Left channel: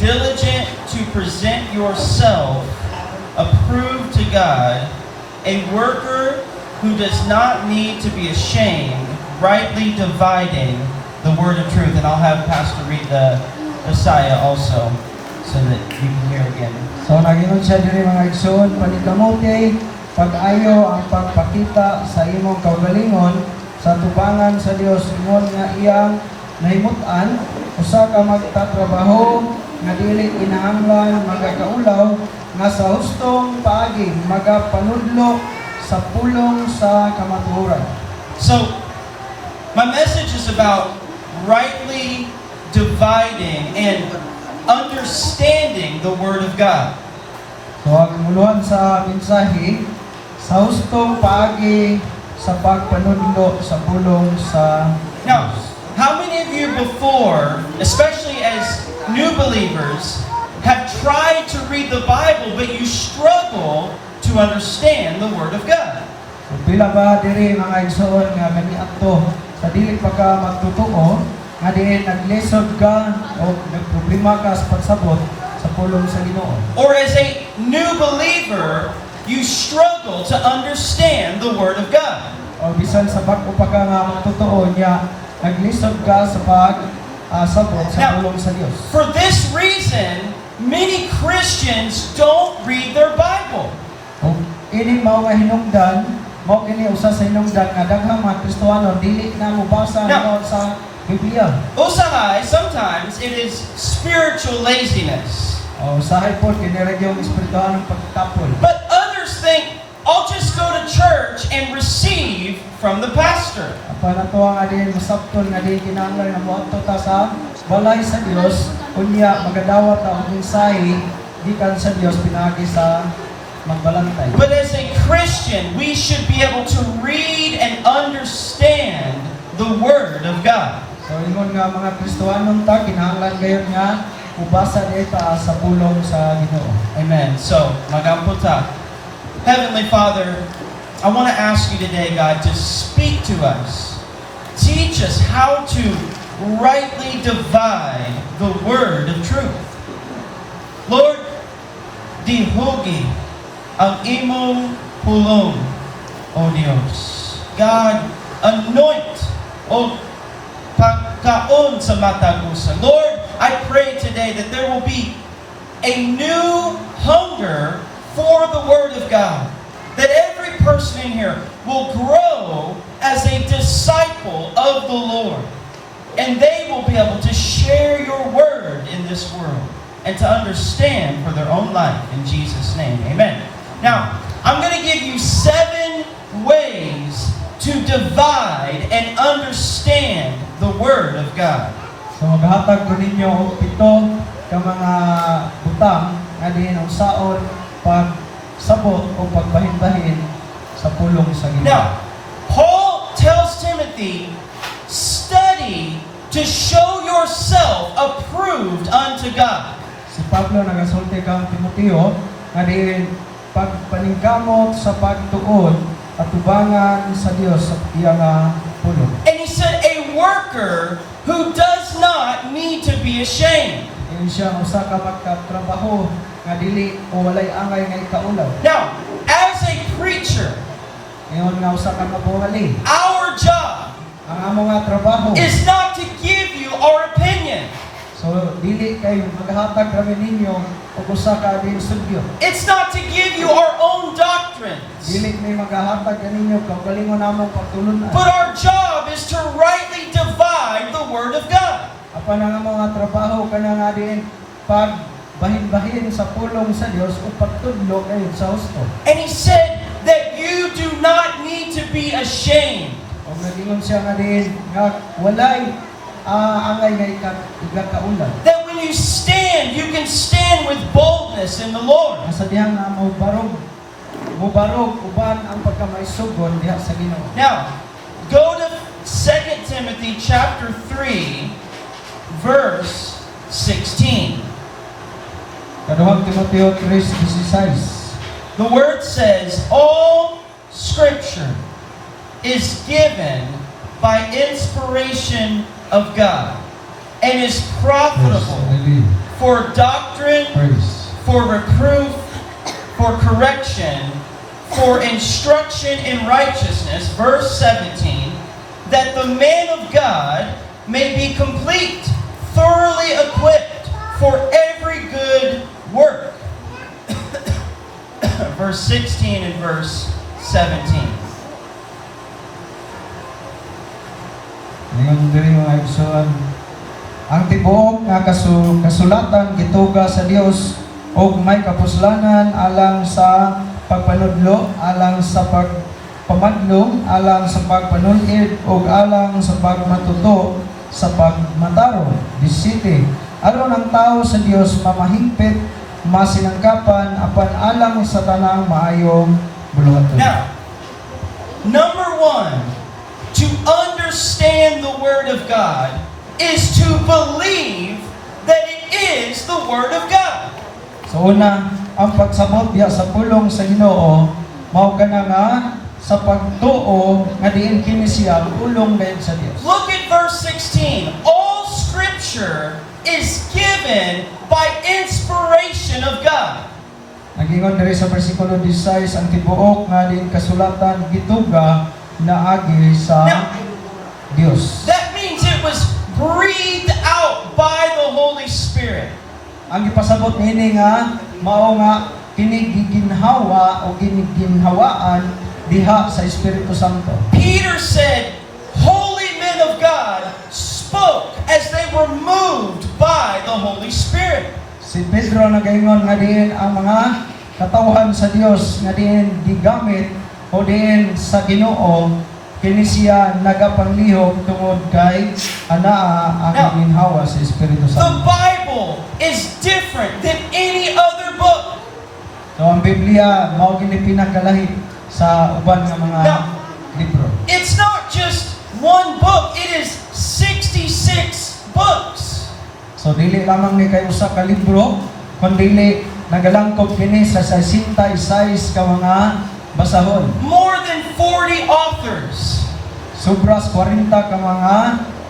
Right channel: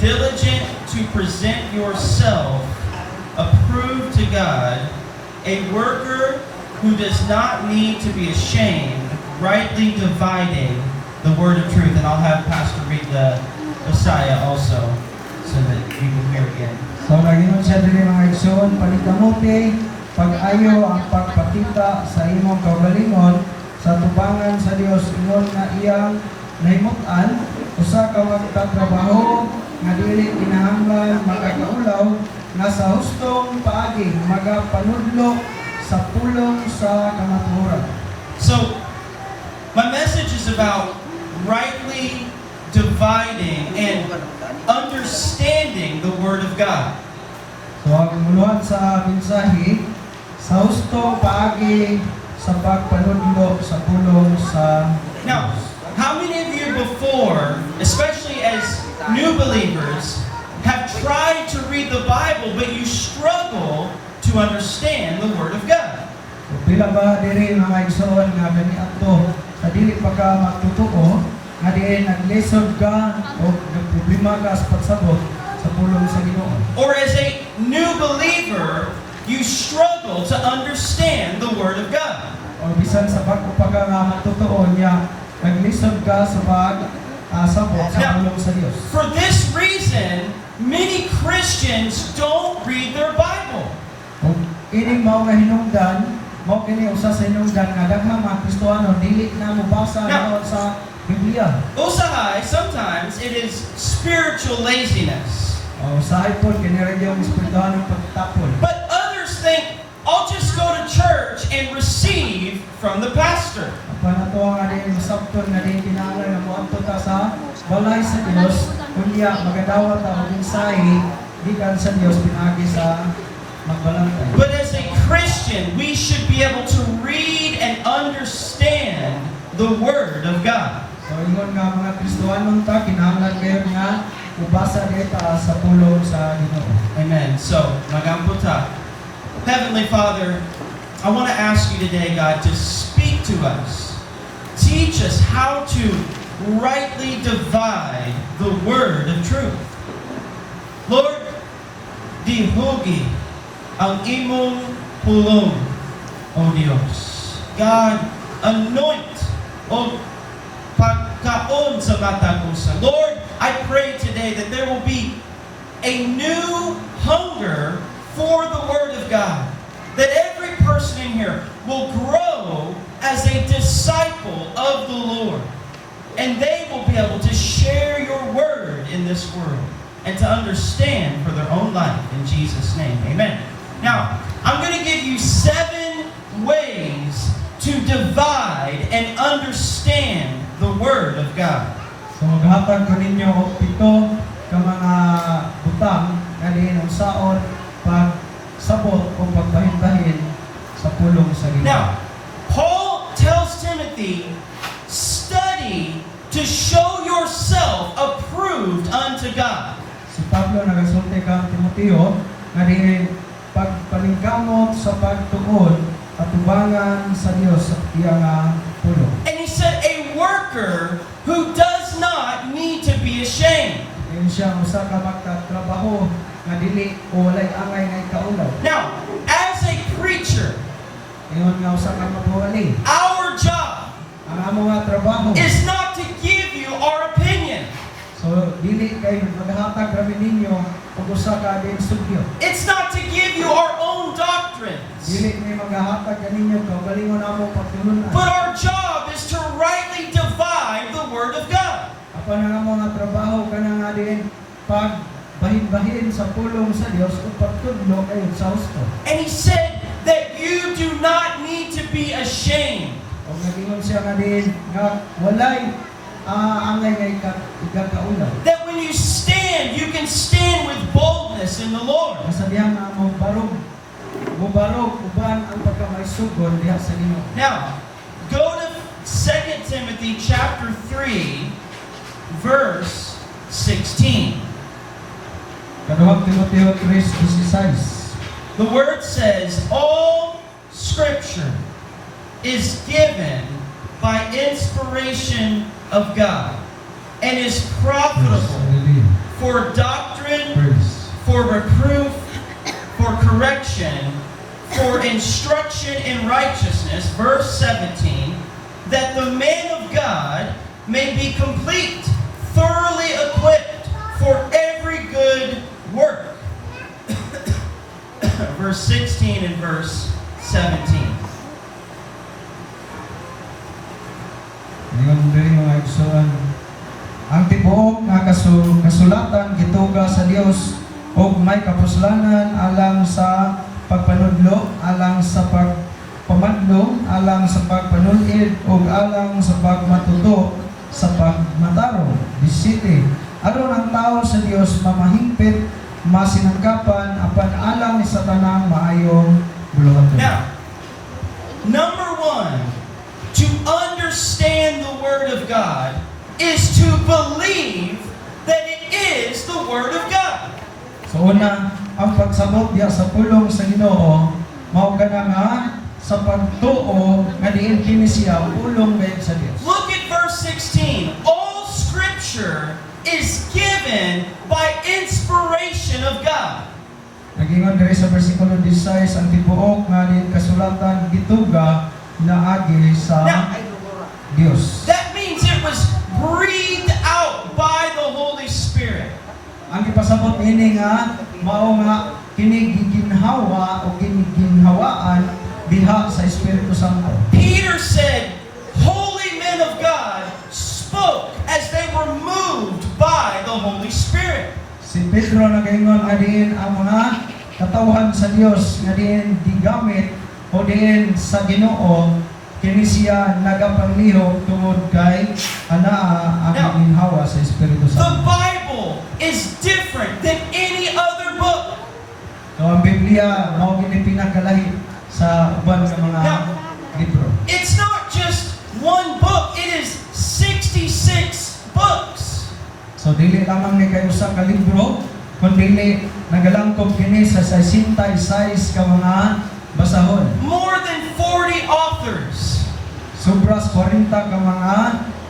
diligent to present yourself approved to God, a worker who does not need to be ashamed, rightly dividing the word of truth. And I'll have Pastor read the Messiah also, so that you can hear again. So nagingon siya diri mga igsoon, panikamuti, pag-ayo ang pagpakita sa imong kaugalingon sa tubangan sa Dios ingon nga iyang nahimutan, usa ka magtatrabaho nga dili kinahanglan magakaulaw nga sa hustong paagi magapanudlo sa pulong sa kamatuoran. So, my message is about rightly dividing and understanding the Word of God. So ang muluhan sa mensahe sa hustong paagi sa pagpanudlo sa pulong sa Now, how many of you before, especially as new believers, have tried to read the Bible but you struggle to understand the Word of God? So, pila ba diri mga igsoon nga kaniadto sa dili pa ka magtutuo nga diin naglisod ka o nagproblema ka sa pagsabot sa pulong sa Ginoo? Or as a new believer, you struggle to understand the Word of God? O bisan sa bag-o pa ka nga magtutuo niya naglisod ka sa pagsabot sa pulong sa Dios. For this reason, many Christians don't read their Bible. O ini mao nga hinungdan, mao kini usa sa hinungdan nga daghang mga Kristohano dili na mobasa sa Biblia. Usahay, sometimes it is spiritual laziness. O usahay po kini ra yung espirituhang pagtapol. But others think, I'll just go to church and receive from the pastor. Apa na to nga din masabton nga din kinahanglan nga moadto ta sa balay sa Dios unya magadawat ang mensahe gikan sa Dios pinaagi sa magbalantay. But as a Christian, we should be able to read and understand the Word of God. So ingon nga mga Kristohanon ta kinahanglan gayon nga ubasa dita sa pulong sa Ginoo. Amen. So, magampo ta. Heavenly Father, I want to ask you today, God, to speak to us. Teach us how to rightly divide the word of truth. Lord, dihugi ang imong pulong, O Dios. God, anoint o pagkaon sa matagusan. Lord, I pray today that there will be a new hunger for the Word of God. That every person in here will grow as a disciple of the Lord. And they will be able to share your Word in this world and to understand for their own life. In Jesus' name, amen. Now, I'm going to give you 7 ways to divide and understand the Word of God. So maghatag ko ninyo og 7 ka mga butang nga diin unsaon pagsabot o pagbahin-bahin sa pulong sa Ginoo. Now, Paul tells Timothy, study to show yourself approved unto God. Si Pablo nagasulti kang Timoteo nga diin pagpaningkamot sa pagtuon patubangan sa Dios sa iyang pulong. And he said, a worker who does not need to be ashamed. Diin siya usa ka magkatrabaho nga dili o walay angay nga ikaulaw. Now, as a preacher, Ingon nga usa ka mabuhali. our job Ang amo nga trabaho. is not to give you our opinion. So dili kay maghatag kami ninyo og usa ka abing studio. It's not to give you our own doctrines. Dili ni maghatag kaninyo kaugalingon namo pagtulunan. But our job is to rightly divide the Word of God. Apan ang amo nga trabaho kana nga din pag bahin-bahin sa pulong sa Dios ug pagtudlo kayo sa husto. And he said that you do not need to be ashamed. Og nagingon siya nga din nga walay angay nga igakaulan. That when you stand, you can stand with boldness in the Lord. Masadiyang na mubarog uban ang pagkamaisugon diha sa Ginoo. Now, go to 2 Timothy chapter 3, verse 16. Kaduhang Timoteo 3:16. The word says, all Scripture is given by inspiration of God and is profitable for doctrine, First. for reproof, for correction, for instruction in righteousness, verse 17, that the man of God may be complete, thoroughly equipped for every good work. Verse 16 and verse 17. Ngayon din mga igsoon, ang tibuok nga kasulatan gituga sa Dios og may kapuslanan alang sa pagpanudlo, alang sa pagpamadlo, alang sa pagpanulid ug alang sa pagmatuto sa pagmataro. 17. Aron ang tao sa Dios mamahigpit, masinangkapan apan alang sa tanang maayong buluhaton. Now, number one, to understand the Word of God is to believe that it is the Word of God. So una, ang pagsabot diya sa pulong sa Ginoo mao kana nga sa pagtuo nga diin kini siya pulong gayud sa Dios. Look at verse 16. All Scripture is given by inspiration of God. Nagingon diri sa bersikulo 16 ang tibuok nga diin kasulatan gituga na agi sa Dios. That means it was breathed out by the Holy Spirit. Ang gipasabot niini nga mao nga kini giginhawa o giginhawaan diha sa Espiritu Santo. Peter said, holy men of God spoke as they were moved by the Holy Spirit. Si Pedro nagaingon nga diin ang mga katawhan sa Dios nga diin gigamit o diin sa Ginoo kini siya nagapanglihok tungod kay anaa ang Now, ginhawa sa Espiritu The Santo. Bible is different than any other book. So ang Biblia mao gini pinakalahi sa uban nga mga Now, libro. It's not just one book, it is 66 books. So dili lamang ni kay usa ka libro kundi nagalangkob kini sa 66 ka mga basahon. More than 40 authors, Sobras 40 ka mga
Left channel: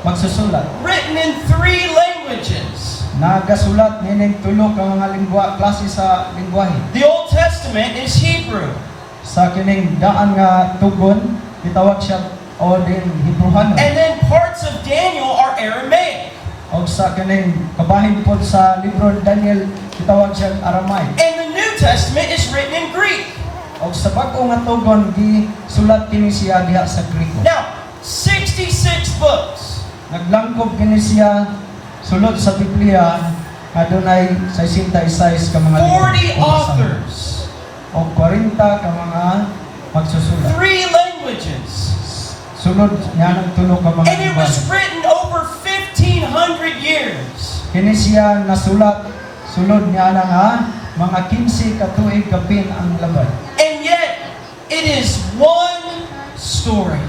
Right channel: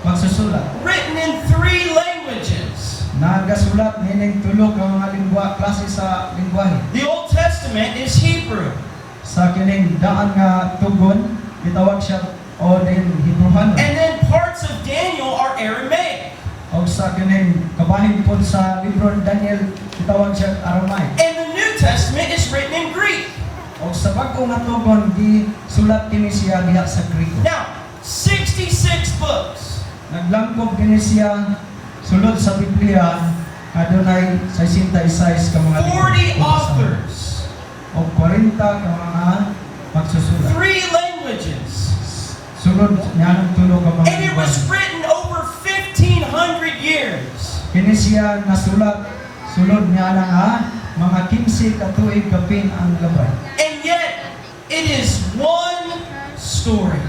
magsusulat. written in 3 languages. Nagasulat nining tulo ka mga klase sa lingwahe. The Old Testament is Hebrew. Sa kining daan nga tugon gitawag siya o din Hebrew. And then parts of Daniel are Aramaic. O sa kining kabahin pod sa libro ni Daniel gitawag siya Aramaic. And the New Testament is written in Greek. O sa bag-o nga tugon gisulat kini siya diha sa Griko. Now, 66 books. Naglangkob kini siya sulod sa Biblia adunay 66 ka mga 40 authors. o 40 ka mga magsusulat. 3 languages. Sunod niya ng tulo ka mga And it was lingwahe. written over 1,500 years. Kini siya nasulat sulod niya na nga mga 15 ka tuig kapin ang laban. And yet, it is one story.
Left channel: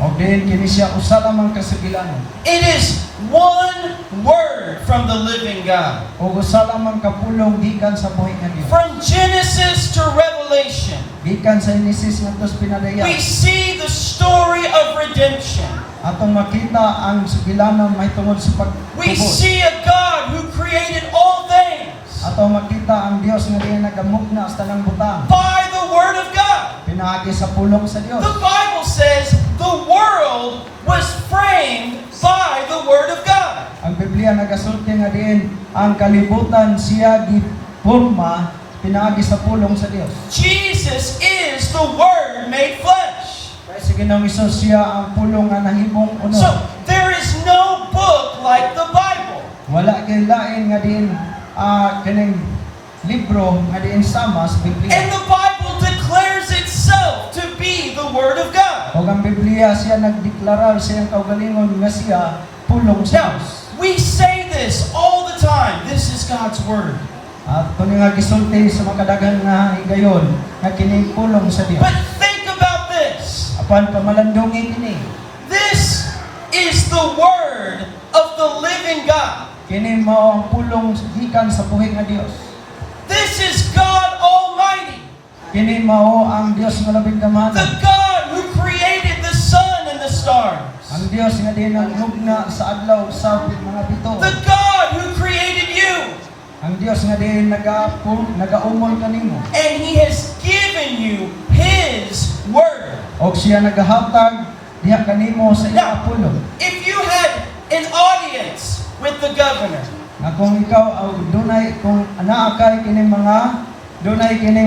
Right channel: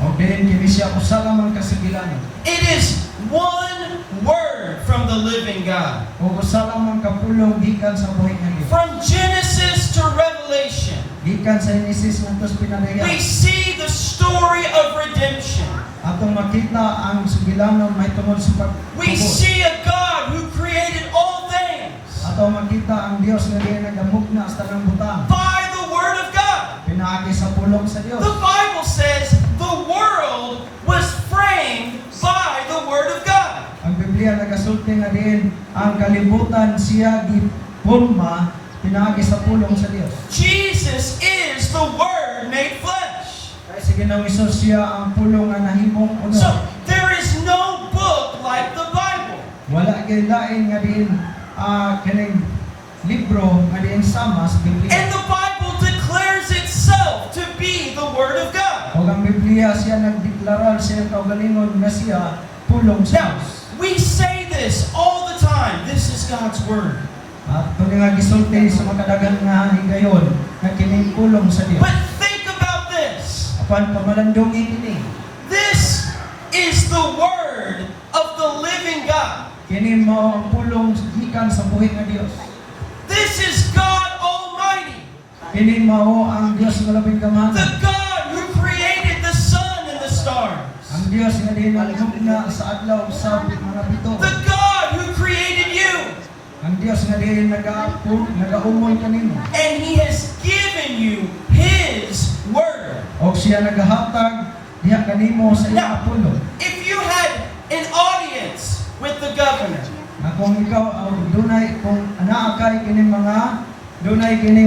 O din kini siya usa lamang kasibilangan. It is one word from the living God. O usa lamang kapulong gikan sa buhi nga Dios. From Genesis to Revelation, Gikan sa Genesis ngantos pinadaya. we see the story of redemption. Atong makita ang sibilanon may tungod sa We pagtubos. see a God who created all things Ato makita ang Dios nga diay nagamugna sa tanang butang. by the Word of God. Pinaagi sa pulong sa Dios. The Bible says the world was framed by the Word of God. Ang Biblia nagasulti nga diin ang kalibutan siya gipurma pinaagi sa pulong sa Dios. Jesus is the Word made flesh. Kaya sa Ginoong Hesus siya ang pulong nga nahimong uno. So, there is no book like the Bible. Wala kay lain nga diin kining libro nga diin sama sa And Biblia. the Bible declares itself to be the Word of God. Ug ang Biblia siya nagdeklarar siya ang kaugalingon nga siya pulong sa Now, Dios. we say this all the time. This is God's Word. At kung nga gisulti sa makadagan nga higayon nga kining pulong sa Dios. But think about this. Apan pamalandungi kini. This is the Word of the living God. Kini mao ang pulong gikan sa buhi nga Dios. This is God Almighty, Kini mao ang Dios nga labing the gamhanan. God who created the sun and the stars, Ang Dios nga dinalugna sa adlaw sa mga bito. the God who created you. ang Dios nga diin nagaumol kanimo. And He has given you His Word. Og siya nagahatag diha kanimo sa iyang pulong. If you had an audience with the governor, Nga kung ikaw dunay kung anaa kay kining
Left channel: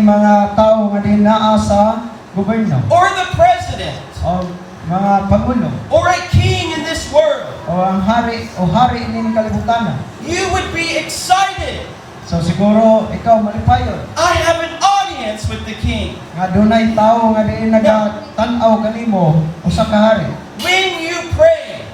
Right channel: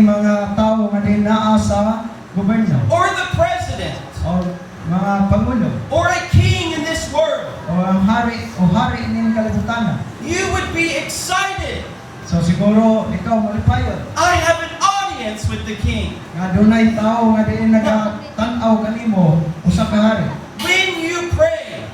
mga tawo nga diin naa sa gobyerno or the president, o mga pangulo or a king in this world, o ang hari ning kalibutan. you would be excited. So siguro ikaw malipayon I have an audience with the king. nga dunay tawo nga diin nagatanaw kanimo usa ka hari. When you pray,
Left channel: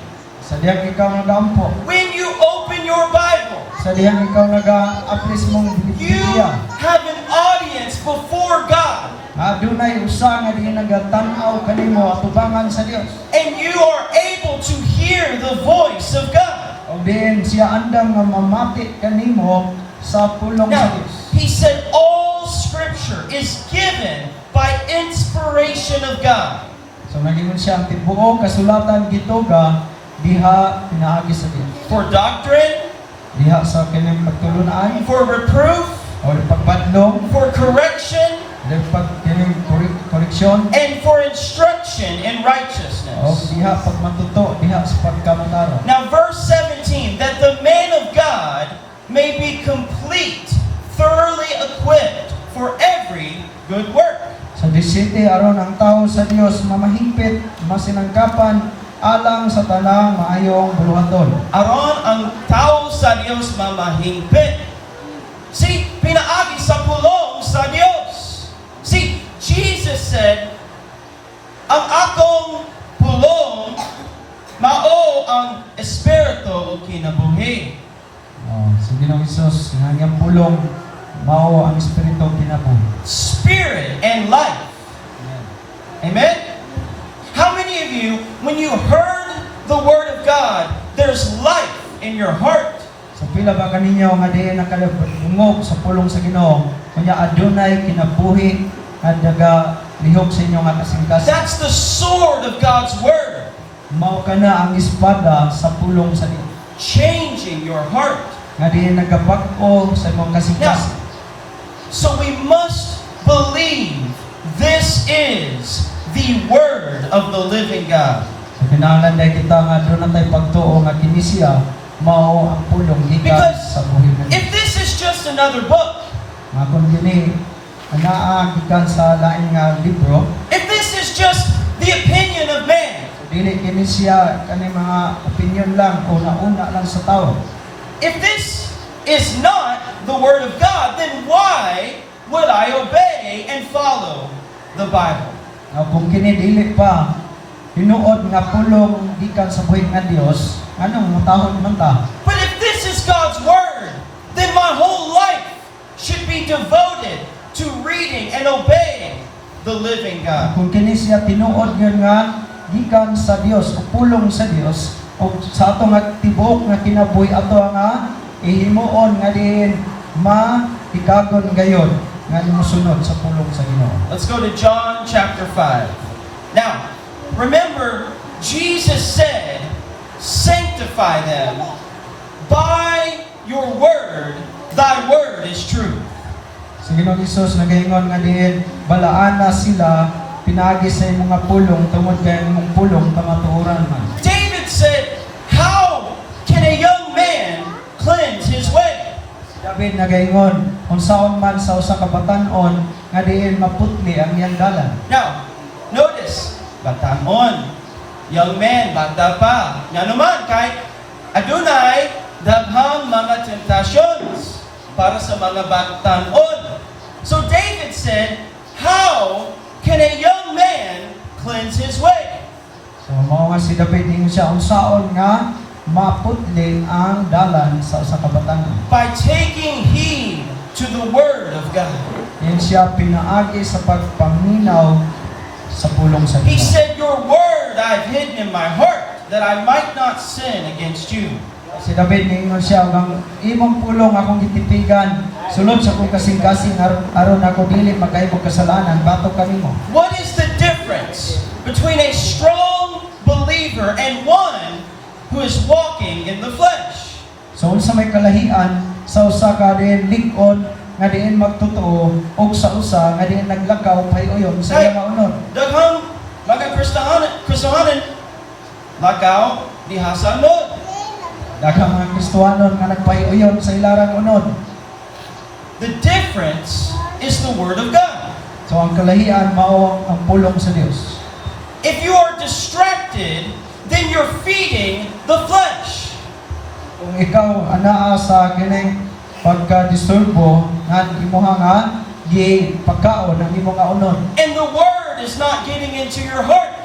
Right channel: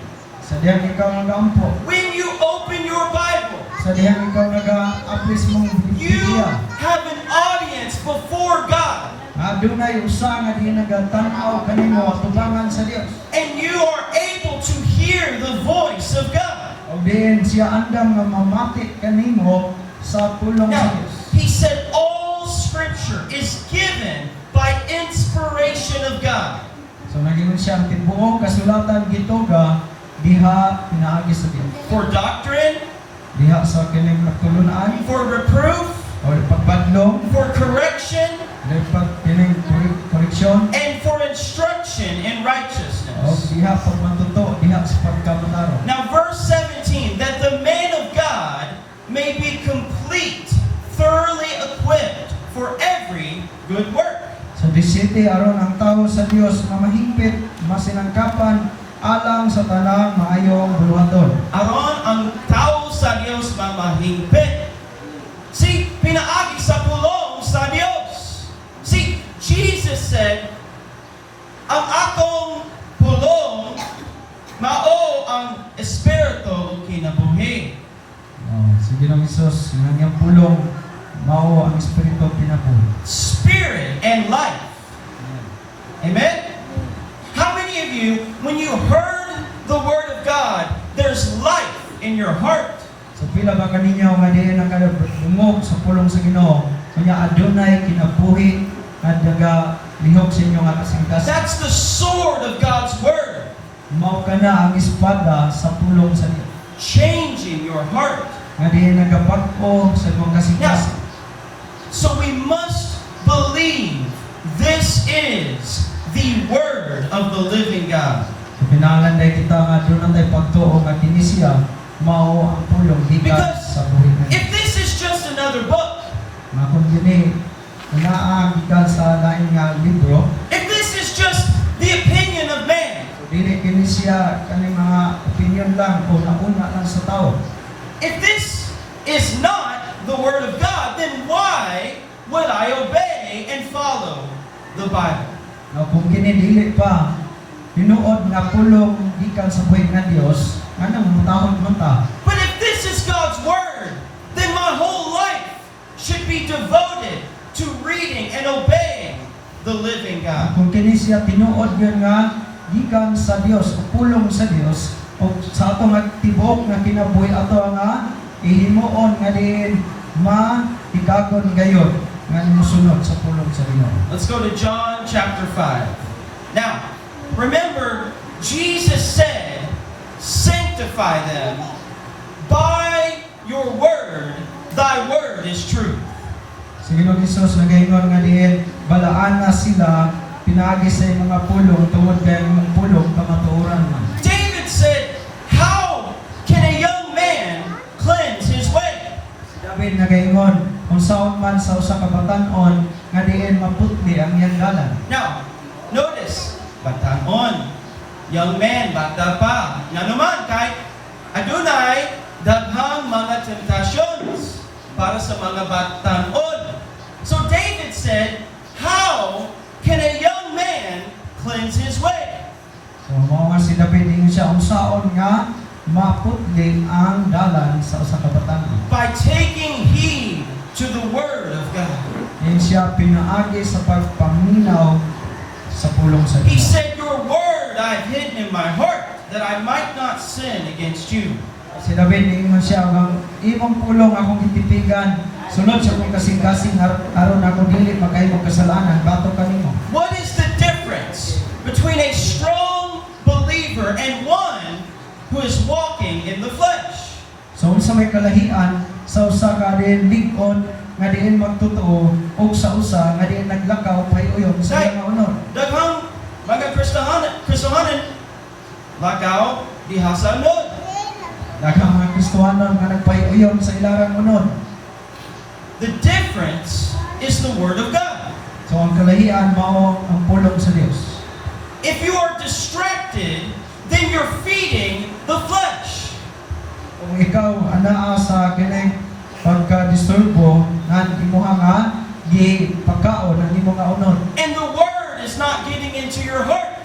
Sa diyang ikaw nagaampo, when you open your Bible, sa diyang ikaw naga-apres mong you Biblia, have an audience before God. dunay usa nga diin nagatanaw kanimo tubangan sa Dios. And you are able to hear the voice of God. O din siya andam nga mamati kanimo sa pulong sa Now, Dios. He said all Scripture is given by inspiration of God. So naging siya ang tibuok kasulatan gituga diha pinaagi sa Dios. For doctrine, Diha sa kining pagtulunan for reproof, o pagpadlong, for correction, kining koreksyon, and for instruction in o righteousness. diha pagmatuto, diha sa pagkamanaro. Now, verse 17, that the man of God may be complete, thoroughly equipped for every good work. Sa 17 aron ang tao sa Dios mamahigpit, masinangkapan alang sa tanang maayong buluhaton. Aron ang tao sa Diyos mamahingpit. See, pinaagi sa pulong sa Diyos. See, Jesus said, ang akong pulong mao ang espiritu o kinabuhi. Sa Ginoong Hesus nga niyang pulong mao ang espiritu kinabuhi. Spirit and life. Amen? How many of you, when you heard the Word of God, there's life in your heart? Sa pila ba kaninyo nga diin nakalungog sa pulong sa Ginoo, kanya adunay kinabuhi at daga lihok sa inyo nga kasingkas. That's the sword of God's Word, Mao kana ang espada sa pulong sa Dios. changing your heart. Nga diin nagabag-o sa imong kasingkas. So we must believe this is the Word of the living God. Sa pinalanday kita nga doon tay pagtuo nga kini siya mao ang pulong gikan Because sa buhi mo. if this is just another book, Nga kung gini ang gikan sa lain nga libro, if this is just the opinion of man, so dili kini siya kani mga opinion lang o nauna lang sa tao. if this is not the Word of God, then why would I obey and follow the Bible? Nga kung kini dili pa hinuod nga pulong gikan sa buhi nga Dios, anong mutahod man ta? But if this is God's Word, then my whole life should be devoted to reading and obeying the living God. Kung kini siya tinuod gyud nga gikan sa Dios o pulong sa Dios o sa ato nga tibuok nga kinabuhi ato nga ihimuon nga diin maikagon gayon nga musunod sa pulong sa Ginoo. Let's go to John chapter 5. Now, remember, Jesus said, sanctify them by your word. Thy word is truth. Sa Ginoong Hesus nagaingon nga diin balaan na sila pinaagi sa imong mga pulong tungod kay imong pulong kamatuoran man. David said, how can a young man cleanse his way? David nagaingon unsaon man sa usa ka batan-on nga diin maputli ang iyang dalan. Now, notice, batanon, young man, bata pa. Nga naman, kahit adunay, daghang mga temptations para sa mga batanon. So David said, how can a young man cleanse his way? So mao nga si David ingon siya unsaon nga maputli ang dalan sa usa ka batan-on. By taking heed to the word of God. Diin siya pinaagi sa pagpaminaw sa pulong sa He Ginoo. said, your word I've hidden in my heart, that I might not sin against you. Si David ningon siya ang imong pulong akong gitipigan sulod sa kong kasing-kasing aron ako dili magkahimong kasalanan batok kanimo. What is the difference between a strong believer and one who is walking in the flesh? So unsa may kalahian sa usa ka din lig-on nga diin magtotoo ug sa usa nga diin naglakaw pahiuyon sa Hey. mga unod. Daghang mga Kristohanon lagaw diha sa unod. Daghang mga Kristohanon nga nagpahiuyon sa ilarang unod. The difference is the Word of God. So ang kalahian mao ang pulong sa Dios. If you are distracted, then you're feeding the flesh. Kung ikaw anaa sa kining pagka-disturbo nga imuha nga gi pagkaon ang imong unod. And the Word is not getting into your heart.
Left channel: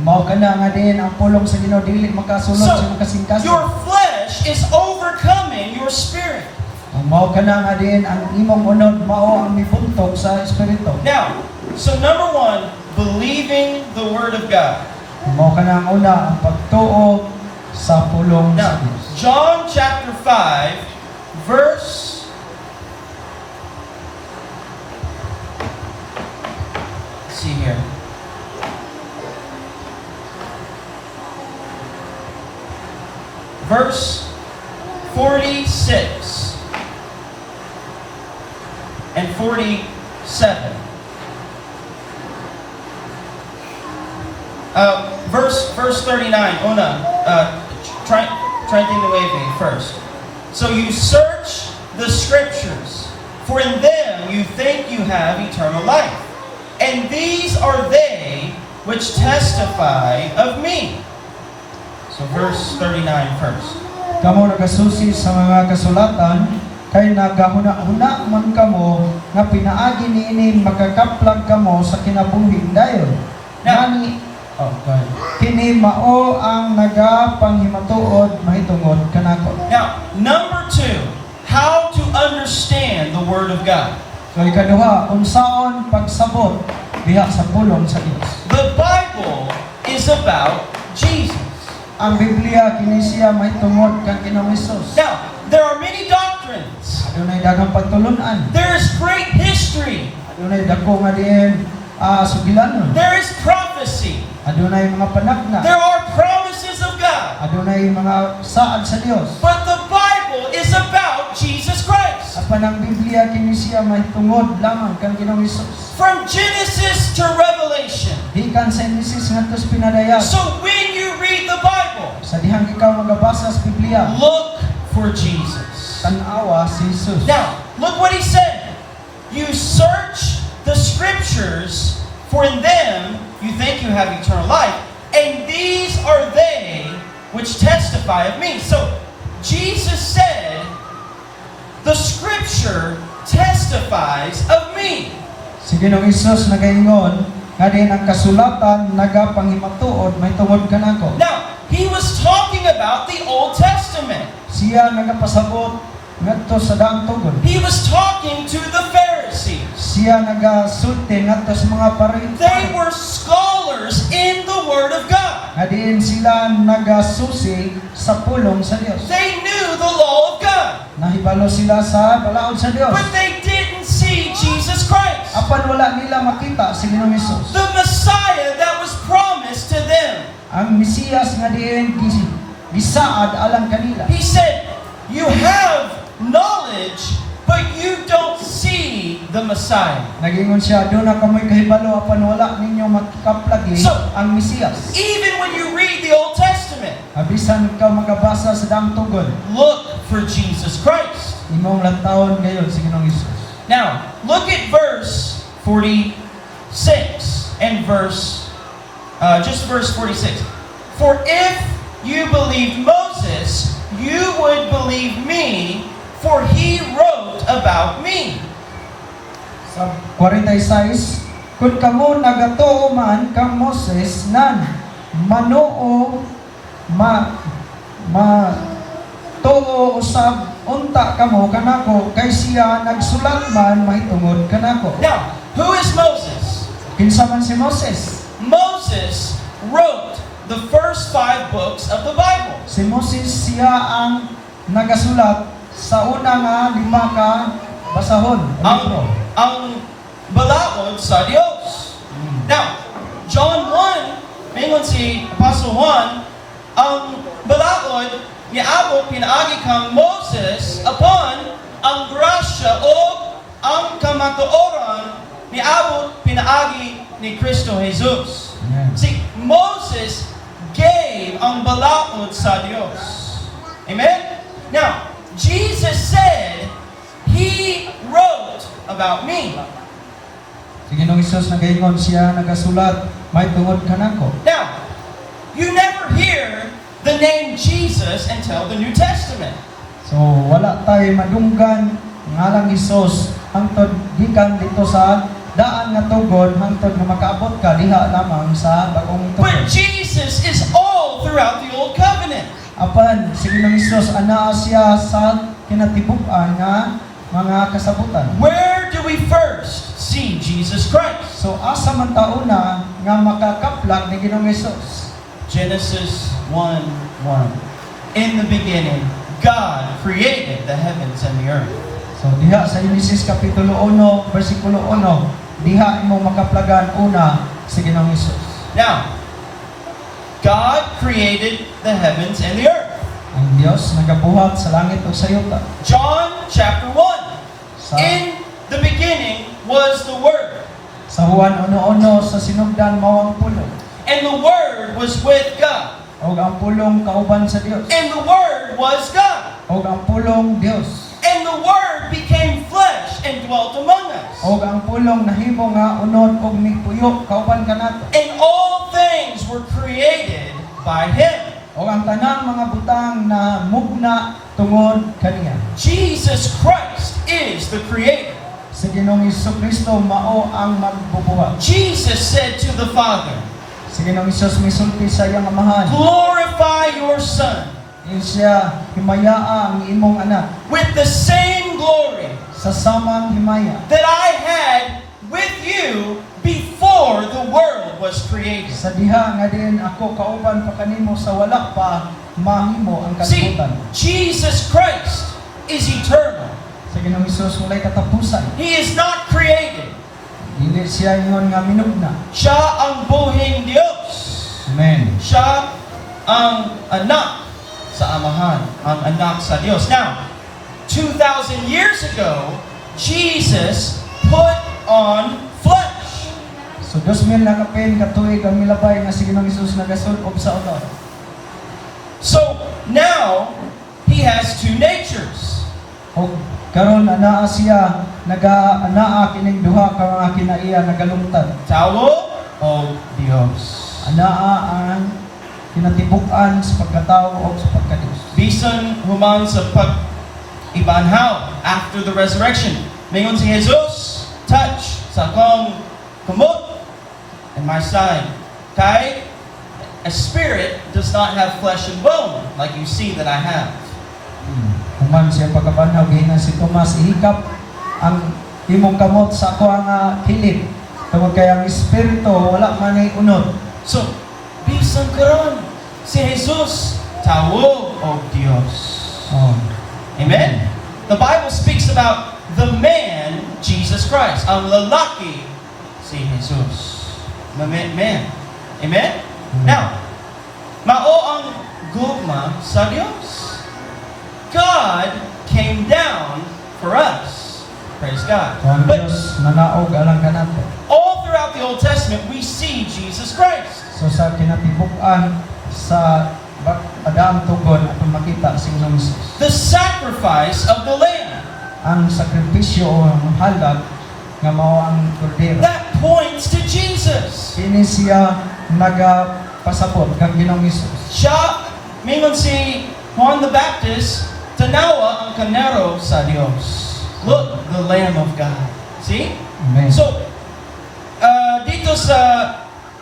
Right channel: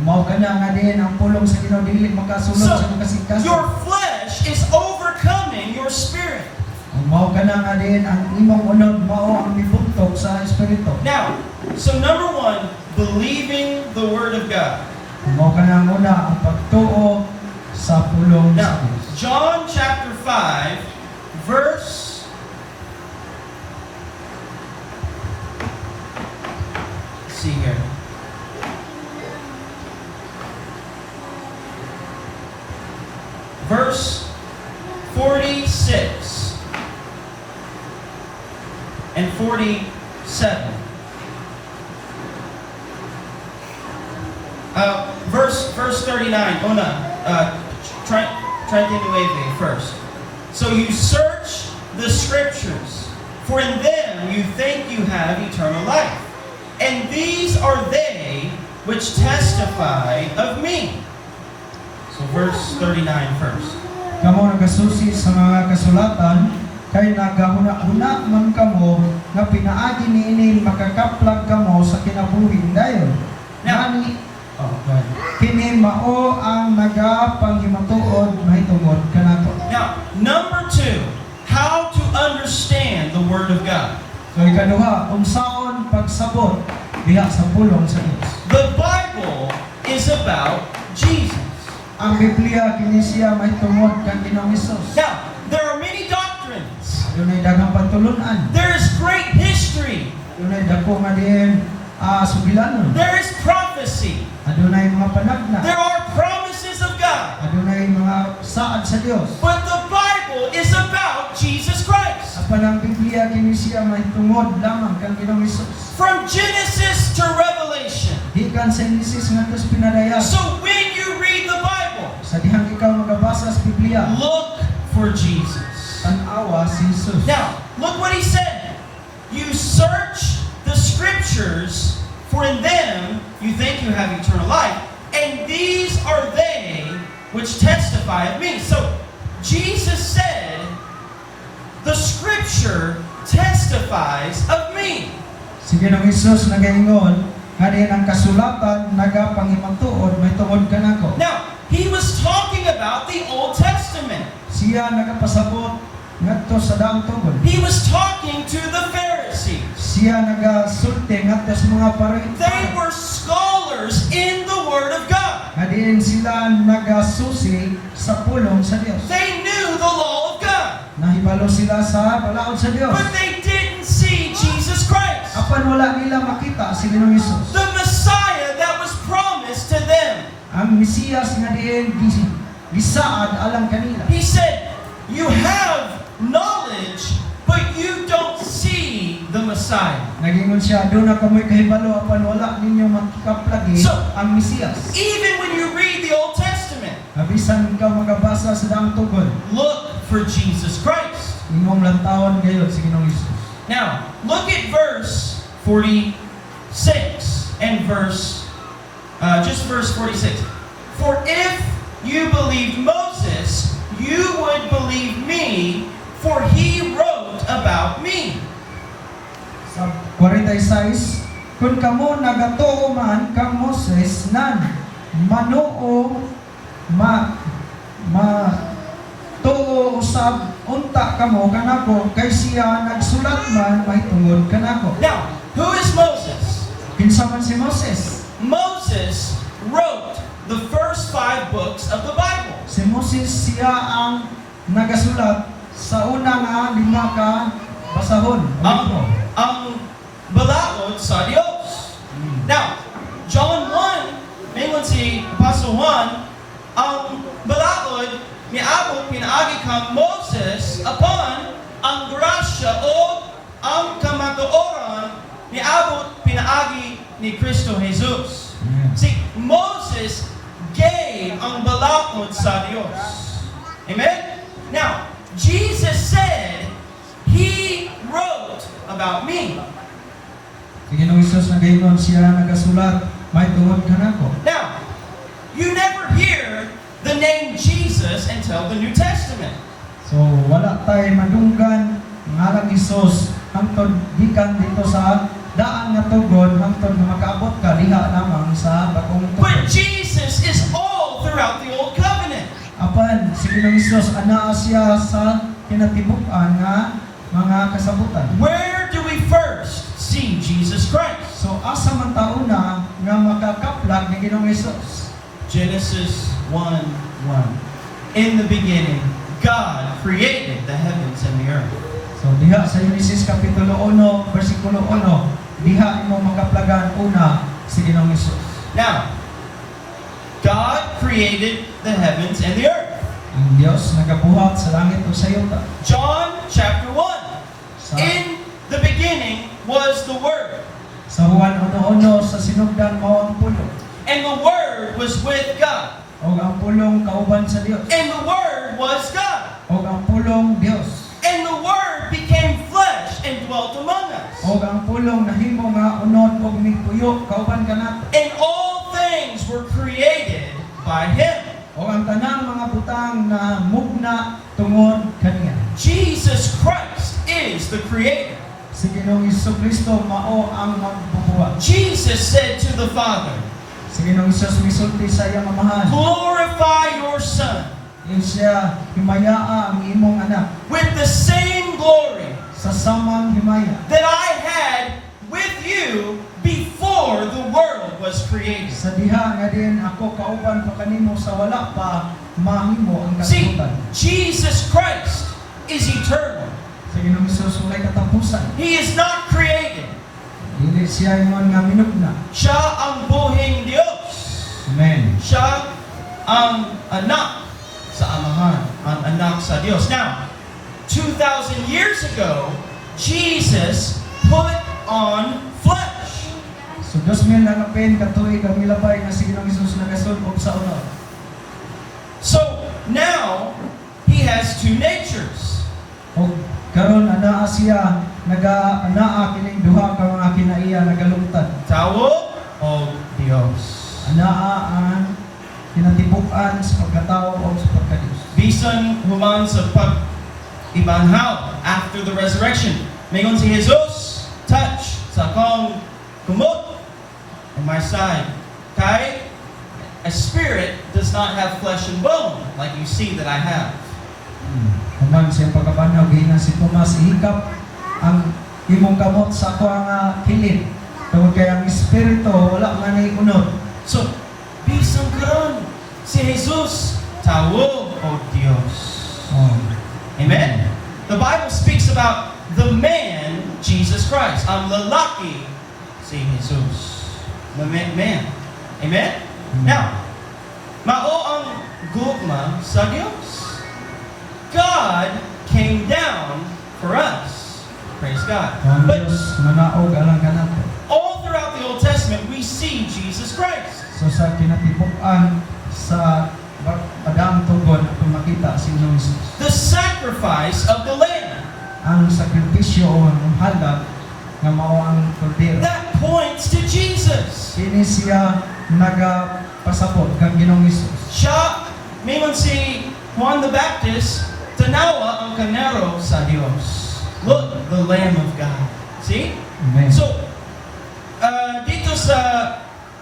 Mao kana nga din ang pulong sa Ginoo dili makasunod So, sa kasing-kasing. your flesh is overcoming your spirit. Ang mao kana nga din ang imong unod mao ang mibuntok sa espiritu. Now, so number one, believing the Word of God. Mao kana ang una ang pagtuo sa pulong sa Now, Dios. John chapter 5, verse... Let's see here. Verse 46 and 47. Verse 39. Oh no. Try to think the way first. So you search the scriptures, for in them you think you have eternal life, and these are they which testify of me. So verse 39 first. Kamo nagasusi sa mga kasulatan kay nagahuna-huna man kamo nga pinaagi niini makakaplag kamo sa kinabuhi dayon. Now- Nani Oh, go ahead. kini mao ang nagapanghimutuod mahitungod kanako. Now, number two, how to understand the Word of God. So ikaduha, unsaon pagsabot diha sa pulong sa Dios. The Bible is about Jesus. Ang Biblia kini siya mahitungod kang Ginoong Hesus. Now, there are many doctrines. Adunay daghang pagtulunan. There is great history. Adunay dako nga diin sugilanon. There is prophecy. Adunay mga panagna. There are promises of God. Adunay mga saad sa Dios. But the Bible is about Jesus Christ. Apan ang Biblia kini siya mahitungod lamang kang Ginoong Hesus. From Genesis to Revelation. Gikan sa Genesis ngadto sa pinadayag. So when you read the Bible, Sa dihang ikaw magabasa sa Biblia, look for Jesus. tan-awa si Hesus. Now, look what he said. You search the scriptures, for in them you think you have eternal life, and these are they which testify of me. So, Jesus said, the scripture testifies of me. Si Ginoong Hesus nagaingon nga din ang kasulatan nagapanghimutuod mahitungod kanako. Now, he was talking about the Old Testament. Siya nagapasabot ngadto sa daang tugon. He was talking to the Pharisees. Siya nagasulti ngadto sa mga They pariseo. were scholars in the Word of God. Nga diin sila nagasusi sa pulong sa Dios. They knew the law of God, Nahibalo sila sa balaod sa Dios. but they didn't see Jesus Christ, Apan wala nila makita si Ginoong Hesus. the Messiah that was promised to them. Ang Mesiyas nga diin gisaad alang kanila. He said, you have knowledge, but you don't see the Messiah. Nagingon siya, doon na kamoy kahibalo apan wala ninyo makaplagi So, ang Mesiyas. Even when you read the Old Testament, Abisan ikaw magabasa sa daang tugon, look for Jesus Christ. imong lantawon gayon si Ginoong Hesus. Now, look at verse 46 and verse 46. For if you believed Moses, you would believe me, for he wrote about me. Sa 46, kung kamo nagatuo man kang Moses nan manuo tuo usab unta kamo kanako kay siya nagsulat man mahitungod kanako. Now, who is Moses? Kinsa man si Moses? Moses wrote the first 5 books of the Bible. Si Moses siya ang nagasulat sa una nga 5 ka basahon. o libro. Ang balaod sa Diyos. Now, John 1, mingon si Apostle Juan, ang balaod ni Abot pinaagi kang Moses upon ang grasya o ang kamatuoran niabot pinaagi ni Kristo Jesus. Amen. See, Moses gave ang balaod sa Diyos. Amen? Now, Jesus said, He wrote about me. Si Ginoong Hesus nagaingon siya nagasulat, may tungod ka nako. Now, you never hear the name Jesus until the New Testament. So wala tayo madunggan ngalang Hesus hangtod gikan dito sa daan nga tugon hangtod na makaabot ka diha lamang sa bagong tugon. But Jesus is all throughout the Old Covenant. Apan si Ginoong Hesus anaa siya sa kinatibuk-an nga mga kasabutan. Where do we first see Jesus Christ? So asa man tauna nga makakaplag ni Ginoong Hesus? Genesis 1:1. In the beginning, God created the heavens and the earth. So diha sa Genesis Kapitulo 1, versikulo 1, diha imo makaplagan una si Ginoong Hesus. Now, God created the heavens and the earth. Ang Dios nagabuhat sa langit ug sa yuta. John chapter 1. Sa, In the beginning was the Word, sa Juan 1:1 sa sinugdan mao ang pulong. and the Word was with God, O ang pulong kauban sa Dios. and the Word was God. O ang pulong Dios. And the Word became flesh and dwelt among us. O ang pulong nahimo nga unod og migpuyo kauban kanato. And all things were created by Him. O ang tanang mga butang na mugna tungod kaniya. Jesus Christ is the Creator. Si Ginoong Hesukristo mao ang magbubuhat. Jesus said to the Father, Si Ginoong Hesus misulti sa iyang amahan. glorify your Son Yun siya himayaa ang imong anak with the same glory sa samang himaya that I had with you before the world was created. sa diha nga din ako kauban pa kanimo sa wala pa mahimo ang See, kalibutan. Jesus Christ is eternal. Sa Ginoong Hesus walay katapusan. He is not created. Dili siya ingon nga minugna. Siya ang buhing Diyos. Amen. Siya ang anak sa Amahan, ang anak sa Diyos. Now, 2,000 years ago, Jesus put on flesh. So 2000 lang kapin katuig ang milabay nga si Ginoong Hesus nagasulog sa ulo. So, now, He has two natures. O karon anaa siya anaa kining duha ka mga kinaiya nagalungtad. Tao o Diyos. Anaa ang kinatibuk-an sa pagkatao o sa pagkadios. Bisan human sa pag-ibanhaw after the resurrection. Mayroon si Jesus, touch sa akong kumot and my side. Kay, a spirit does not have flesh and bone like you see that I have. Human siya pagkabanhaw gihingan si Tomas ihikap ang imong kamot sa ako ang kilid. Tungod kay ang espiritu wala man ay unod. So, bisan karon si Jesus, tao o Diyos. Oh. Amen? The Bible speaks about the man, Jesus Christ. Ang lalaki, si Jesus. The man. Amen? Now, mao ang gugma sa Diyos. God came down for us. Praise God. Ang But Diyos manaog alang kanato. all throughout the Old Testament, we see Jesus Christ. So sa kinatibuk-an sa Adam tugon atong makita si Ginoong Hesus. The sacrifice of the Lamb. Ang sakripisyo o ang halak nga mao ang kordero. That points to Jesus. Kini siya nagapasabot kang Ginoong Hesus. Siya, mingon si Juan the Baptist, tanawa ang kanero sa Diyos. Look, the Lamb of God. See? Amen. So, dito sa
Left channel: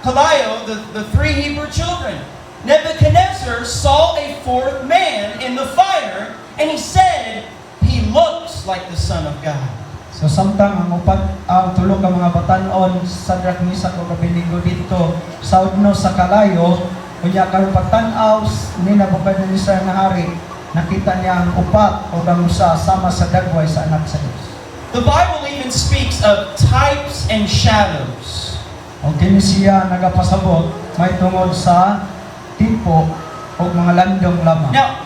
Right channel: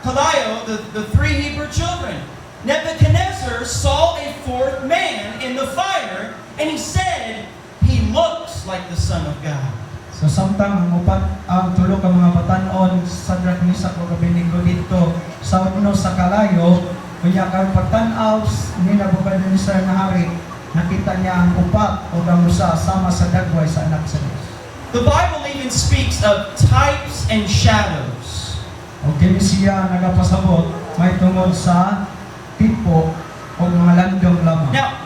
Kalayo, the three Hebrew children, Nebuchadnezzar saw a fourth man in the fire, and he said, he looks like the Son of God. So samtang ang tulo ka mga batan-on sa Drachmisa o Abednego dito sa udno sa Kalayo, kunya karon pagtan-aw ni Nebuchadnezzar nga hari, nakita niya ang upat o gamusa sama sa dagway sa anak sa Dios. The Bible even speaks of types and shadows. O kini siya nagapasabot may tungod sa tipo o mga landong lamang. Now,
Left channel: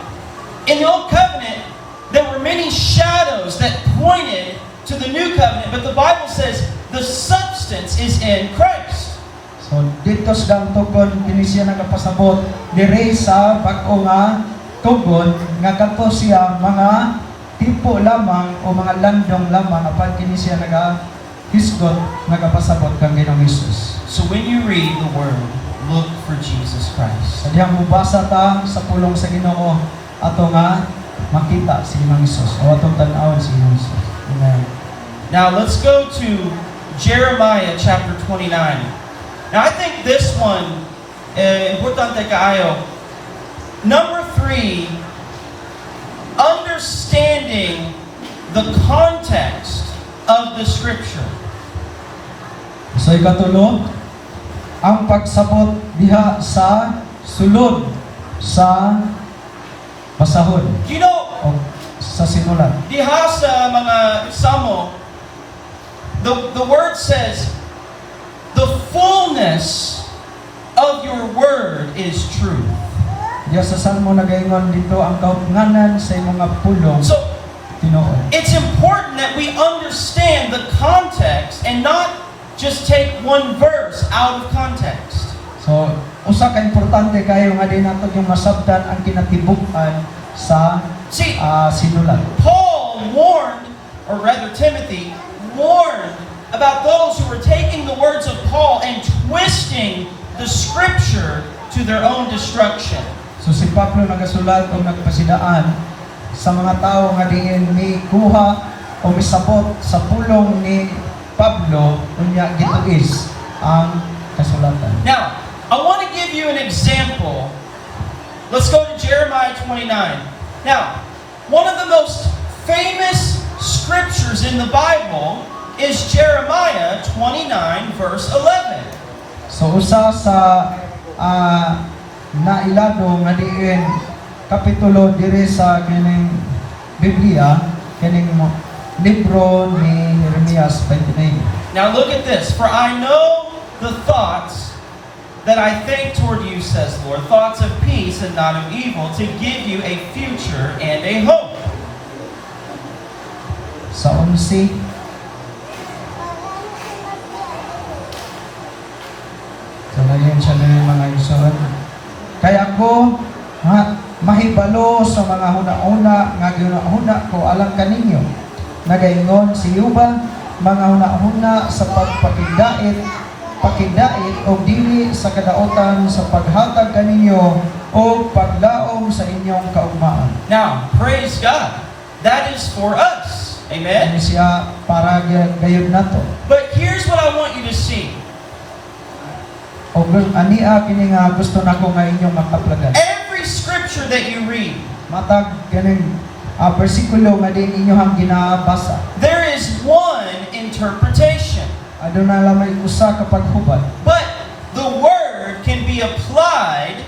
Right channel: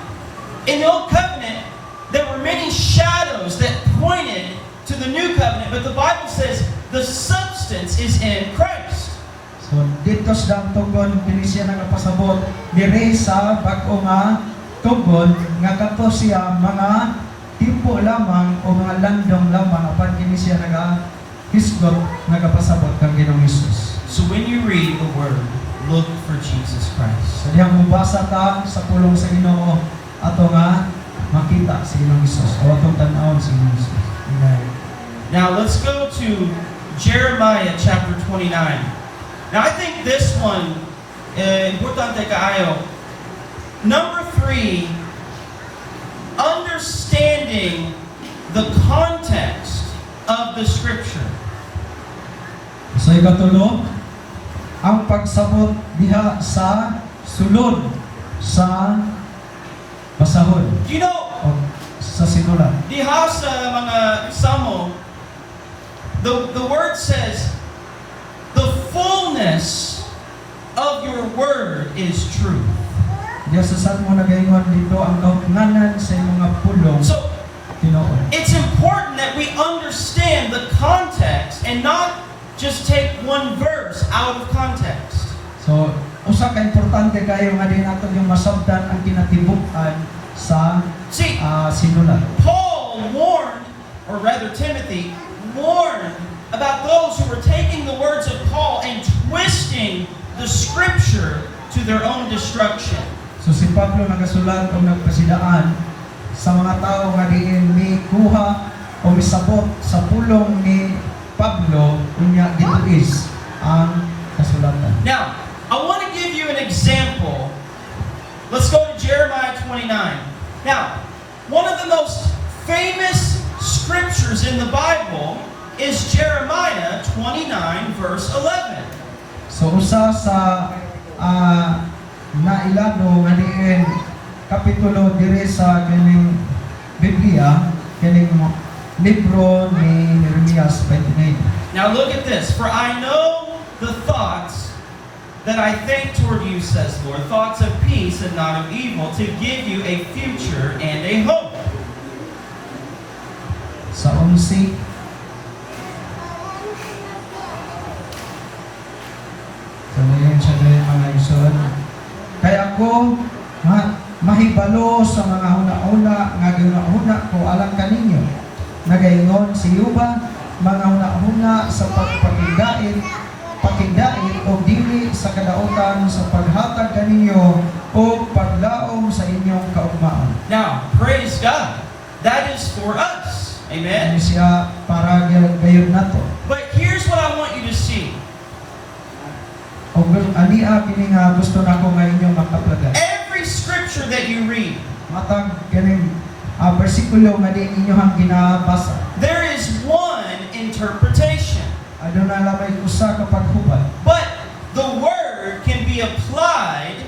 in the Old Covenant, there were were many shadows that pointed to the new covenant, but the Bible says the substance is in Christ. So dito sa tugon kini siya nagapasabot diri sa bag-o nga tugon nga kadto siya mga timpo lamang o mga landong lamang apan kini siya hisgot nagapasabot kang Ginoong Hesus. So when you read the Word, look for Jesus Christ. Sa diyang mubasa ta sa pulong sa Ginoo ato nga makita si Ginoong Hesus o atong tan-awon si Ginoong Hesus. Amen. Now let's go to Jeremiah chapter 29. Now I think this one, importante kaayo. Number 3, understanding the context of the Scripture. So ikatulo, ang pagsabot diha sa sulod sa basahon You know, o sa sinulat. diha sa mga Samo, the word says, the fullness of your word is truth. Diya sa Salmo nagaingon dito ang kautnganan sa imong mga pulong So Ginoo. it's important that we understand the context and not just take one verse out of context. So usa ka importante kayo nga din ato yung masabtan ang kinatibuk-an sa See, sinulat. Paul warned, or rather Timothy, warned about those who were taking the words of Paul and twisting the Scripture to their own destruction. So si Pablo nagasulat o nagpasidaan sa mga tao nga diin ni kuha o misabot sa pulong ni Pablo unya gituis ang kasulatan. Now, I want to give you an example. Let's go to Jeremiah 29. Now, one of the most famous scriptures in the Bible is Jeremiah 29 verse 11. So usa sa nailado nga diin kapitulo diri sa kining Biblia kining libro ni Jeremias 29. Now look at this. For I know the thoughts that I think toward you, says Lord, thoughts of peace and not of evil, to give you a future and a hope. Sa 11 so ngayon siya diri mga igsoon. Kaya ako mahibalo sa mga huna-una nga ginahuna ko alang kaninyo. Nagaingon si Yuban, mga huna-huna sa pakigdait o dili sa kadaotan sa paghatag kaninyo o paglaom sa inyong kaugmaan. Now, praise God. That is for us. Amen? Ano siya para gayon nato. But here's what I want you to see. O ania kini nga gusto nako nga inyong makaplagan. Every scripture that you read, Matag kaning bersikulo nga din inyong ginabasa. there is one interpretation. Aduna lamay usa ka paghubad. But the word can be applied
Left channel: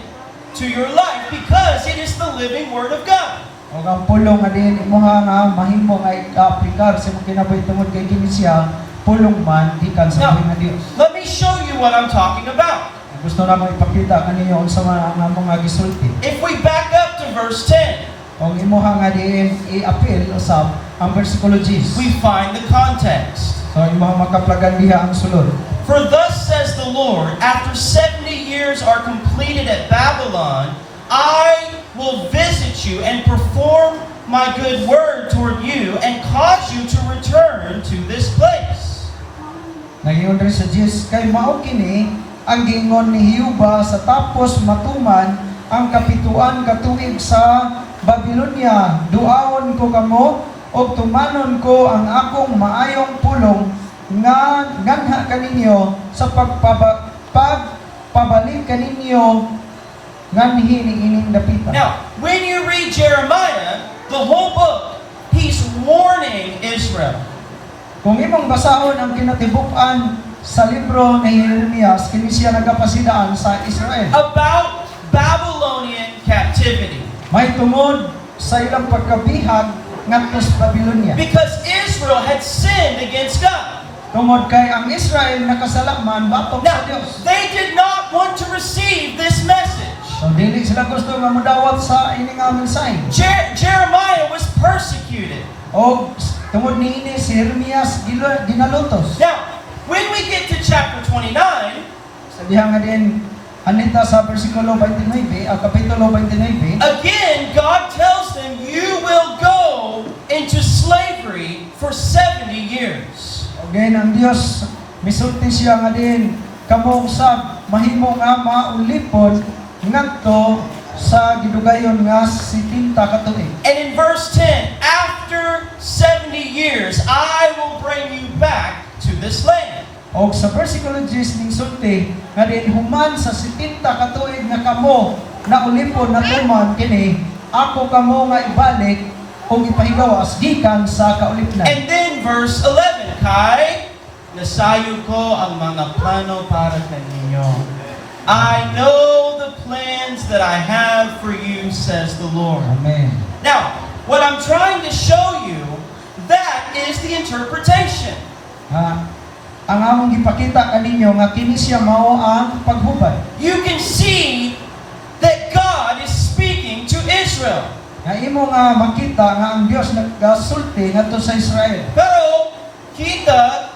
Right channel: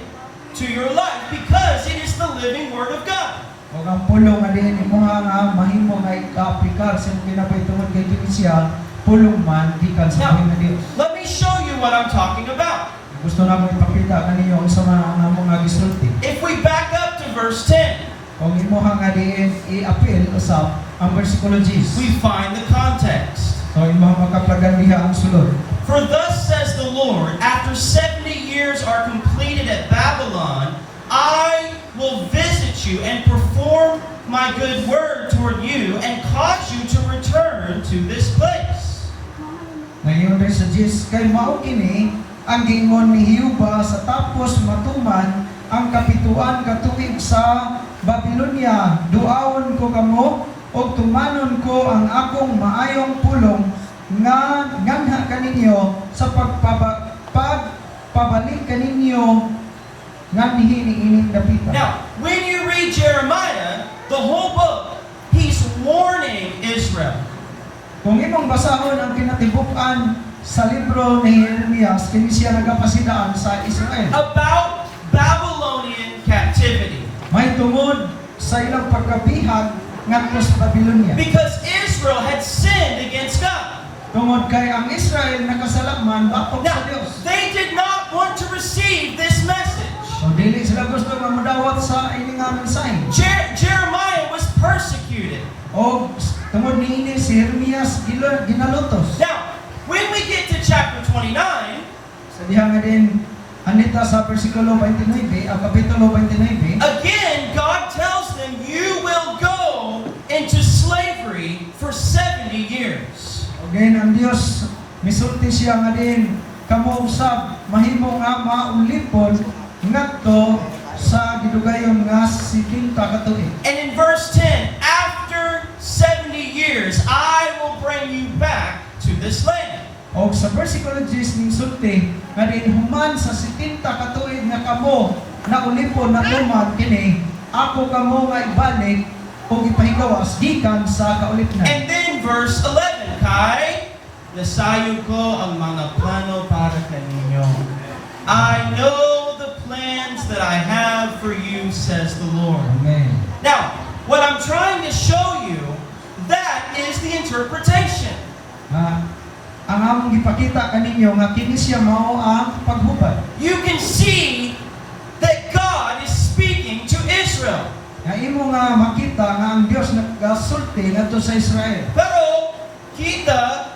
to your life because it is the living word of God. O ang pulong nga din imo nga mahimo nga i-aplikar sa mga kinabuhi tungod kay kini siya pulong man gikan sa Now, nga Dios. let me show you what I'm talking about. Gusto na ko ipakita kaninyo ang sama nga mga gisulti. If we back up to verse 10, Kung imo nga din i-appeal usab ang bersikulo 10. we find the context. So imo makaplagan diha ang sulod. For thus says the Lord, after 70 years are completed at Babylon, I will visit you and perform my good word toward you and cause you to return to this place. Nagingon rin sa Diyos, kay mao kini ang gingon ni Hiuba sa tapos matuman ang kapituan katuig sa Babylonia. Duawon ko kamo o tumanon ko ang akong maayong pulong nga nganha kaninyo sa pagpabalik kaninyo nganhi ni ining dapita. Now, when you read Jeremiah, the whole book, he's warning Israel. Kung imong basahon ang kinatibuk-an sa libro ni Jeremias, kini siya nagapasidaan sa Israel. About Babylonian captivity. May tungod sa ilang pagkabihag ngadto sa Babylonia. Because Israel had sinned against God. Tungod kay ang Israel nakasalaman batok sa Now, Dios. they did not want to receive this message. So dili sila gusto nga modawat sa ini nga mensahe. Jeremiah was persecuted. O tungod niini si Jeremias ginalutos. Now, when we get to chapter 29, Sa diha nga din anita sa bersikulo 29, kapitulo 29. again, God tells them, you will go into slavery for 70 years. Again, ang Dios misulti siya nga din kamo usab mahimo nga maulipon ngadto sa gidugayon nga 70 ka tuig. And in verse 10, after 70 years, I will bring you back to this land. O sa versikulo 10 ning sulti nga din human sa 70 ka tuig nga kamo naulipon na tuman kini ako kamo nga ibalik kung ipahigawas gikan sa kaulipnan. And then verse 11, Kay, nasayo ko ang mga plano para kaninyo. I know the plans that I have for you, says the Lord. Amen. Now, what I'm trying to show you, that is the interpretation. Ang among gipakita kaninyo nga kini siya mao ang paghubad. You can see that God is speaking to Israel. Nga imo nga makita nga ang Dios nagasulti ngadto sa Israel. Pero, kita,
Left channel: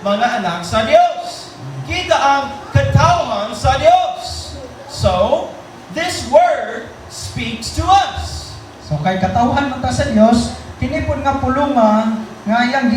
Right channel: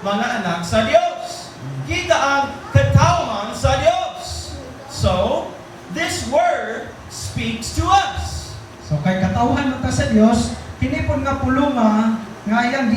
mga anak sa Diyos. Kita ang katawan sa Diyos. So, this word speaks to us. So kay katawhan mo ta sa Dios, kini pud nga pulunga nga iyang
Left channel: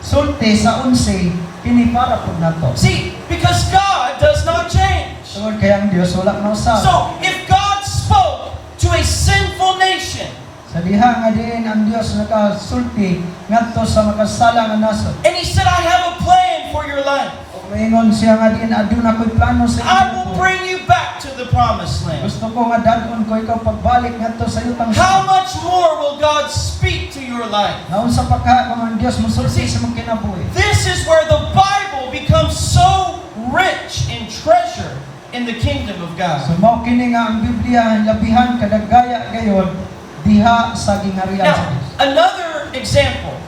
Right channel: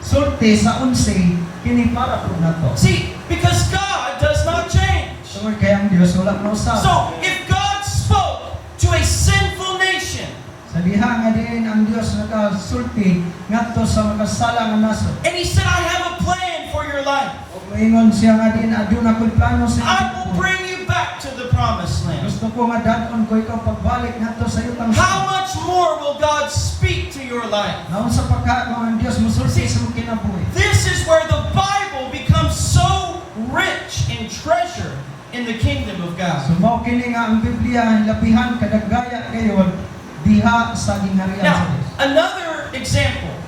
gisulti sa 11 kini para pud nato. See, because God does not change. Tungod kay ang Dios wala na usab. So, if God spoke to a sinful nation, Sa diha nga din ang Dios nagasulti ngadto sa makasala nga nasod. and He said, I have a plan for your life. O maingon siya nga din aduna ko'y plano sa I inyo. will bring you back to the promised land. Gusto ko nga dadon ko ikaw pagbalik ngadto sa itang How much more will God speak to your life? naon sa pagka ang Dios musulti sa mong kinabuhi. This is where the Bible becomes so rich in treasure in the kingdom of God. So mao kini nga ang Biblia labihan kadagaya gayon diha sa gingharian sa Now, Dios. another example.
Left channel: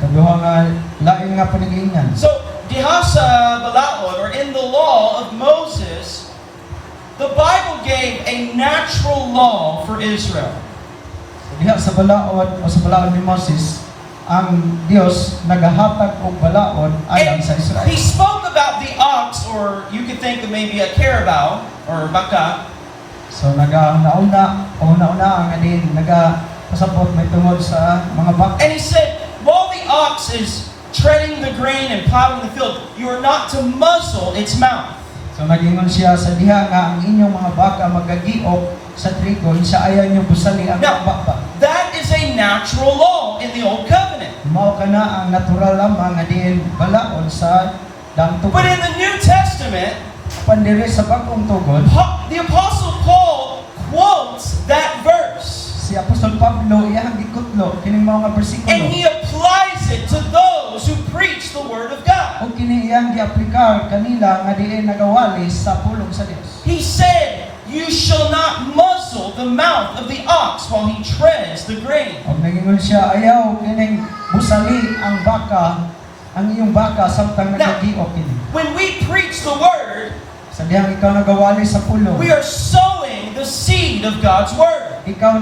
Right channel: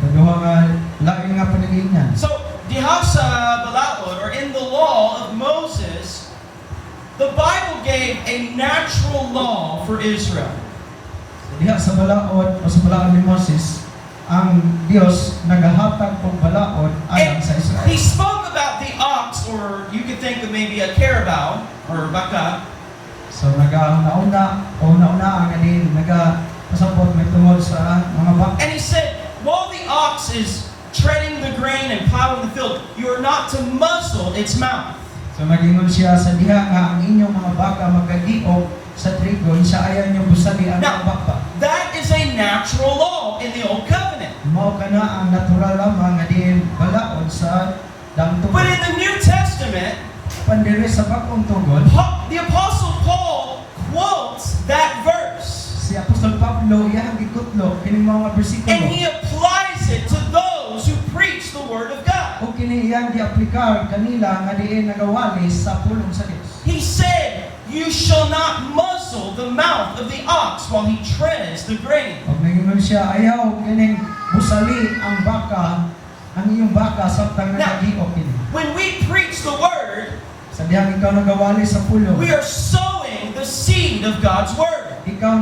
Kaduha nga lain nga panigingan. So, diha sa Balaod, or in the law of Moses, the Bible gave a natural law for Israel. Diha sa balaod o sa balaod ni Moses, ang Dios nagahatag og balaod alang And sa Israel. he spoke about the ox, or you could think of maybe a carabao, or baka. So nagauna ang ganin nagapasabot may tungod sa mga baka. And he said, while the ox is treading the grain and plowing the field, you are not to muzzle its mouth. So nagingon siya sa diha nga ang inyong mga baka magagiog sa trigo, sa ayaw niyo busali ang Now, mga baka. that is a natural law in the Old Covenant. Mao kana ang natural lamang nga diin balaod sa dangtog. But in the New Testament, Pandiri sa bagong tugod, the Apostle Paul quotes that verse. si Apostol Pablo iyang gikutlo kining mga bersikulo. And he applies it to those who preach the Word of God. O kini iyang giaplikar kanila nga diin nagawali sa pulong sa Dios. He said, you shall not muzzle the mouth of the ox while he treads the grain. Og nagingon siya ayaw kining busali ang baka, ang iyong baka samtang Now, nagagiog kini. when we preach the Word, Sa diha ikaw nagawali sa pulong, we are sowing the seed of God's Word. ikaw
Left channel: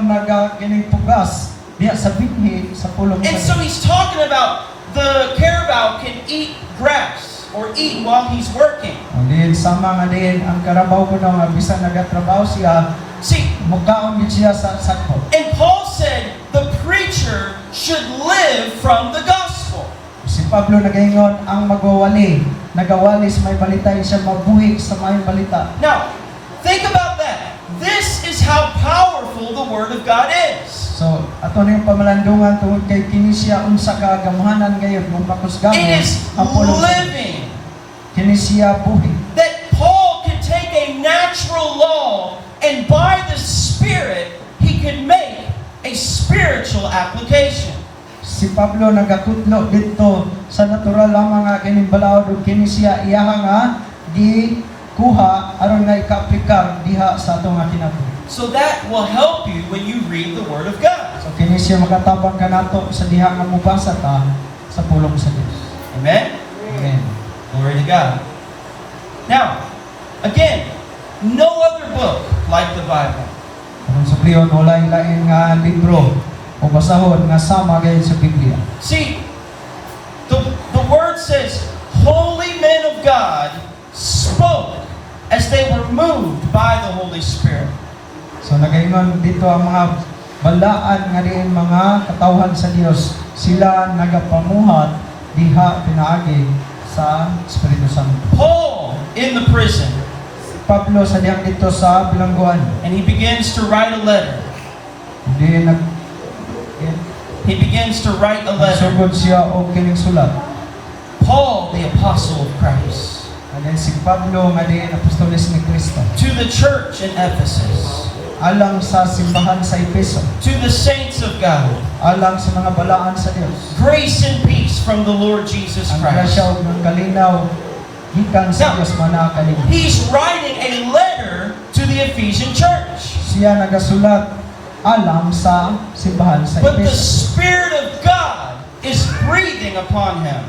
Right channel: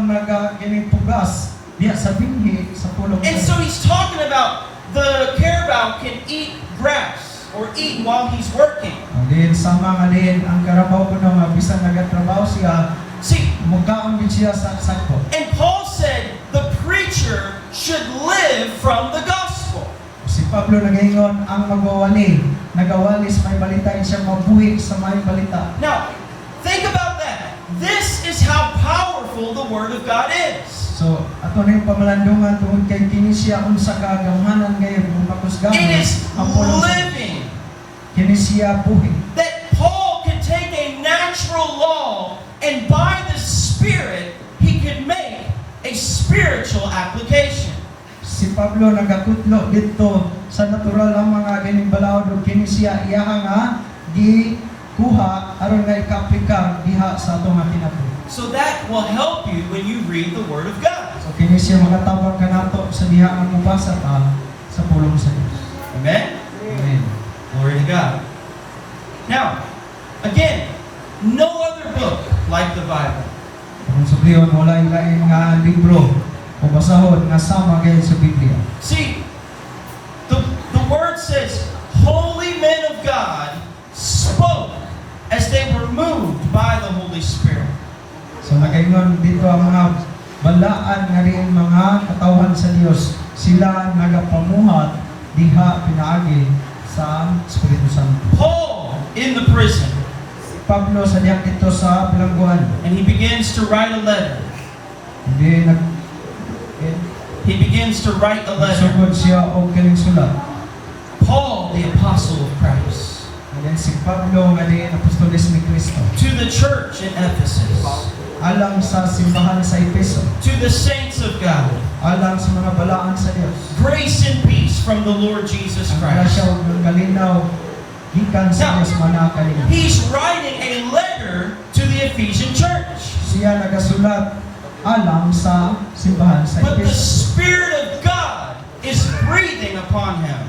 kining pugas diha sa binhi sa pulong And sa so Dios. he's talking about the carabao can eat grass or eat while he's working. Din sama nga din ang karabaw ko na bisan nagatrabaho siya, See, magkaon din siya sa sakpo. and Paul said the preacher should live from the gospel. Si Pablo nagaingon ang nagawali sa may balita siya mabuhi sa may balita. Now, think about that. This is how powerful the Word of God is. So, ato na yung pamalandungan tungkol kay kini siya unsa ka gamhanan ngayon kung pakusganon It is ang pulong sa Dios. living. Kini siya buhi. That Paul could take a natural law and by the Spirit, he could make a spiritual application. Si Pablo nagakutlo dito sa natural lamang nga kining balaod ug kini siya iyaha nga di kuha aron nga ikaaplikar diha sa atong nga kinabuhi. So that will help you when you read the Word of God. So kini siya makatabang kanato sa diha nga mubasa ta sa pulong sa Dios. Amen? Amen. Glory to God. Now, again, no other book like the Bible. Kung sa priyon, wala lain nga libro o basahon nga sama gayud sa Biblia. See, the word says, holy men of God spoke as they were moved by the Holy Spirit. So nagaingon dito ang mga balaan nga rin mga katawan sa Dios, sila nagapamuhat diha pinaagi sa Espiritu Santo. Paul in the prison, Pablo sa dihang dito sa bilangguan, and he begins to write a letter. hindi He begins to write a letter. nagsugod siya og kining sulat. Paul, the apostle of Christ, Ayan si Pablo nga din apostolis ni Kristo. to the church in Ephesus, Alang sa simbahan sa Efeso, to the saints of God, alang sa mga balaan sa Dios. grace and peace from the Lord Jesus Ang Christ. grasya ug ang kalinaw gikan sa Dios manakalimot. He's writing a letter to the Ephesian church. Siya nagasulat alang sa simbahan sa But the Efeso. Spirit of God is breathing upon him.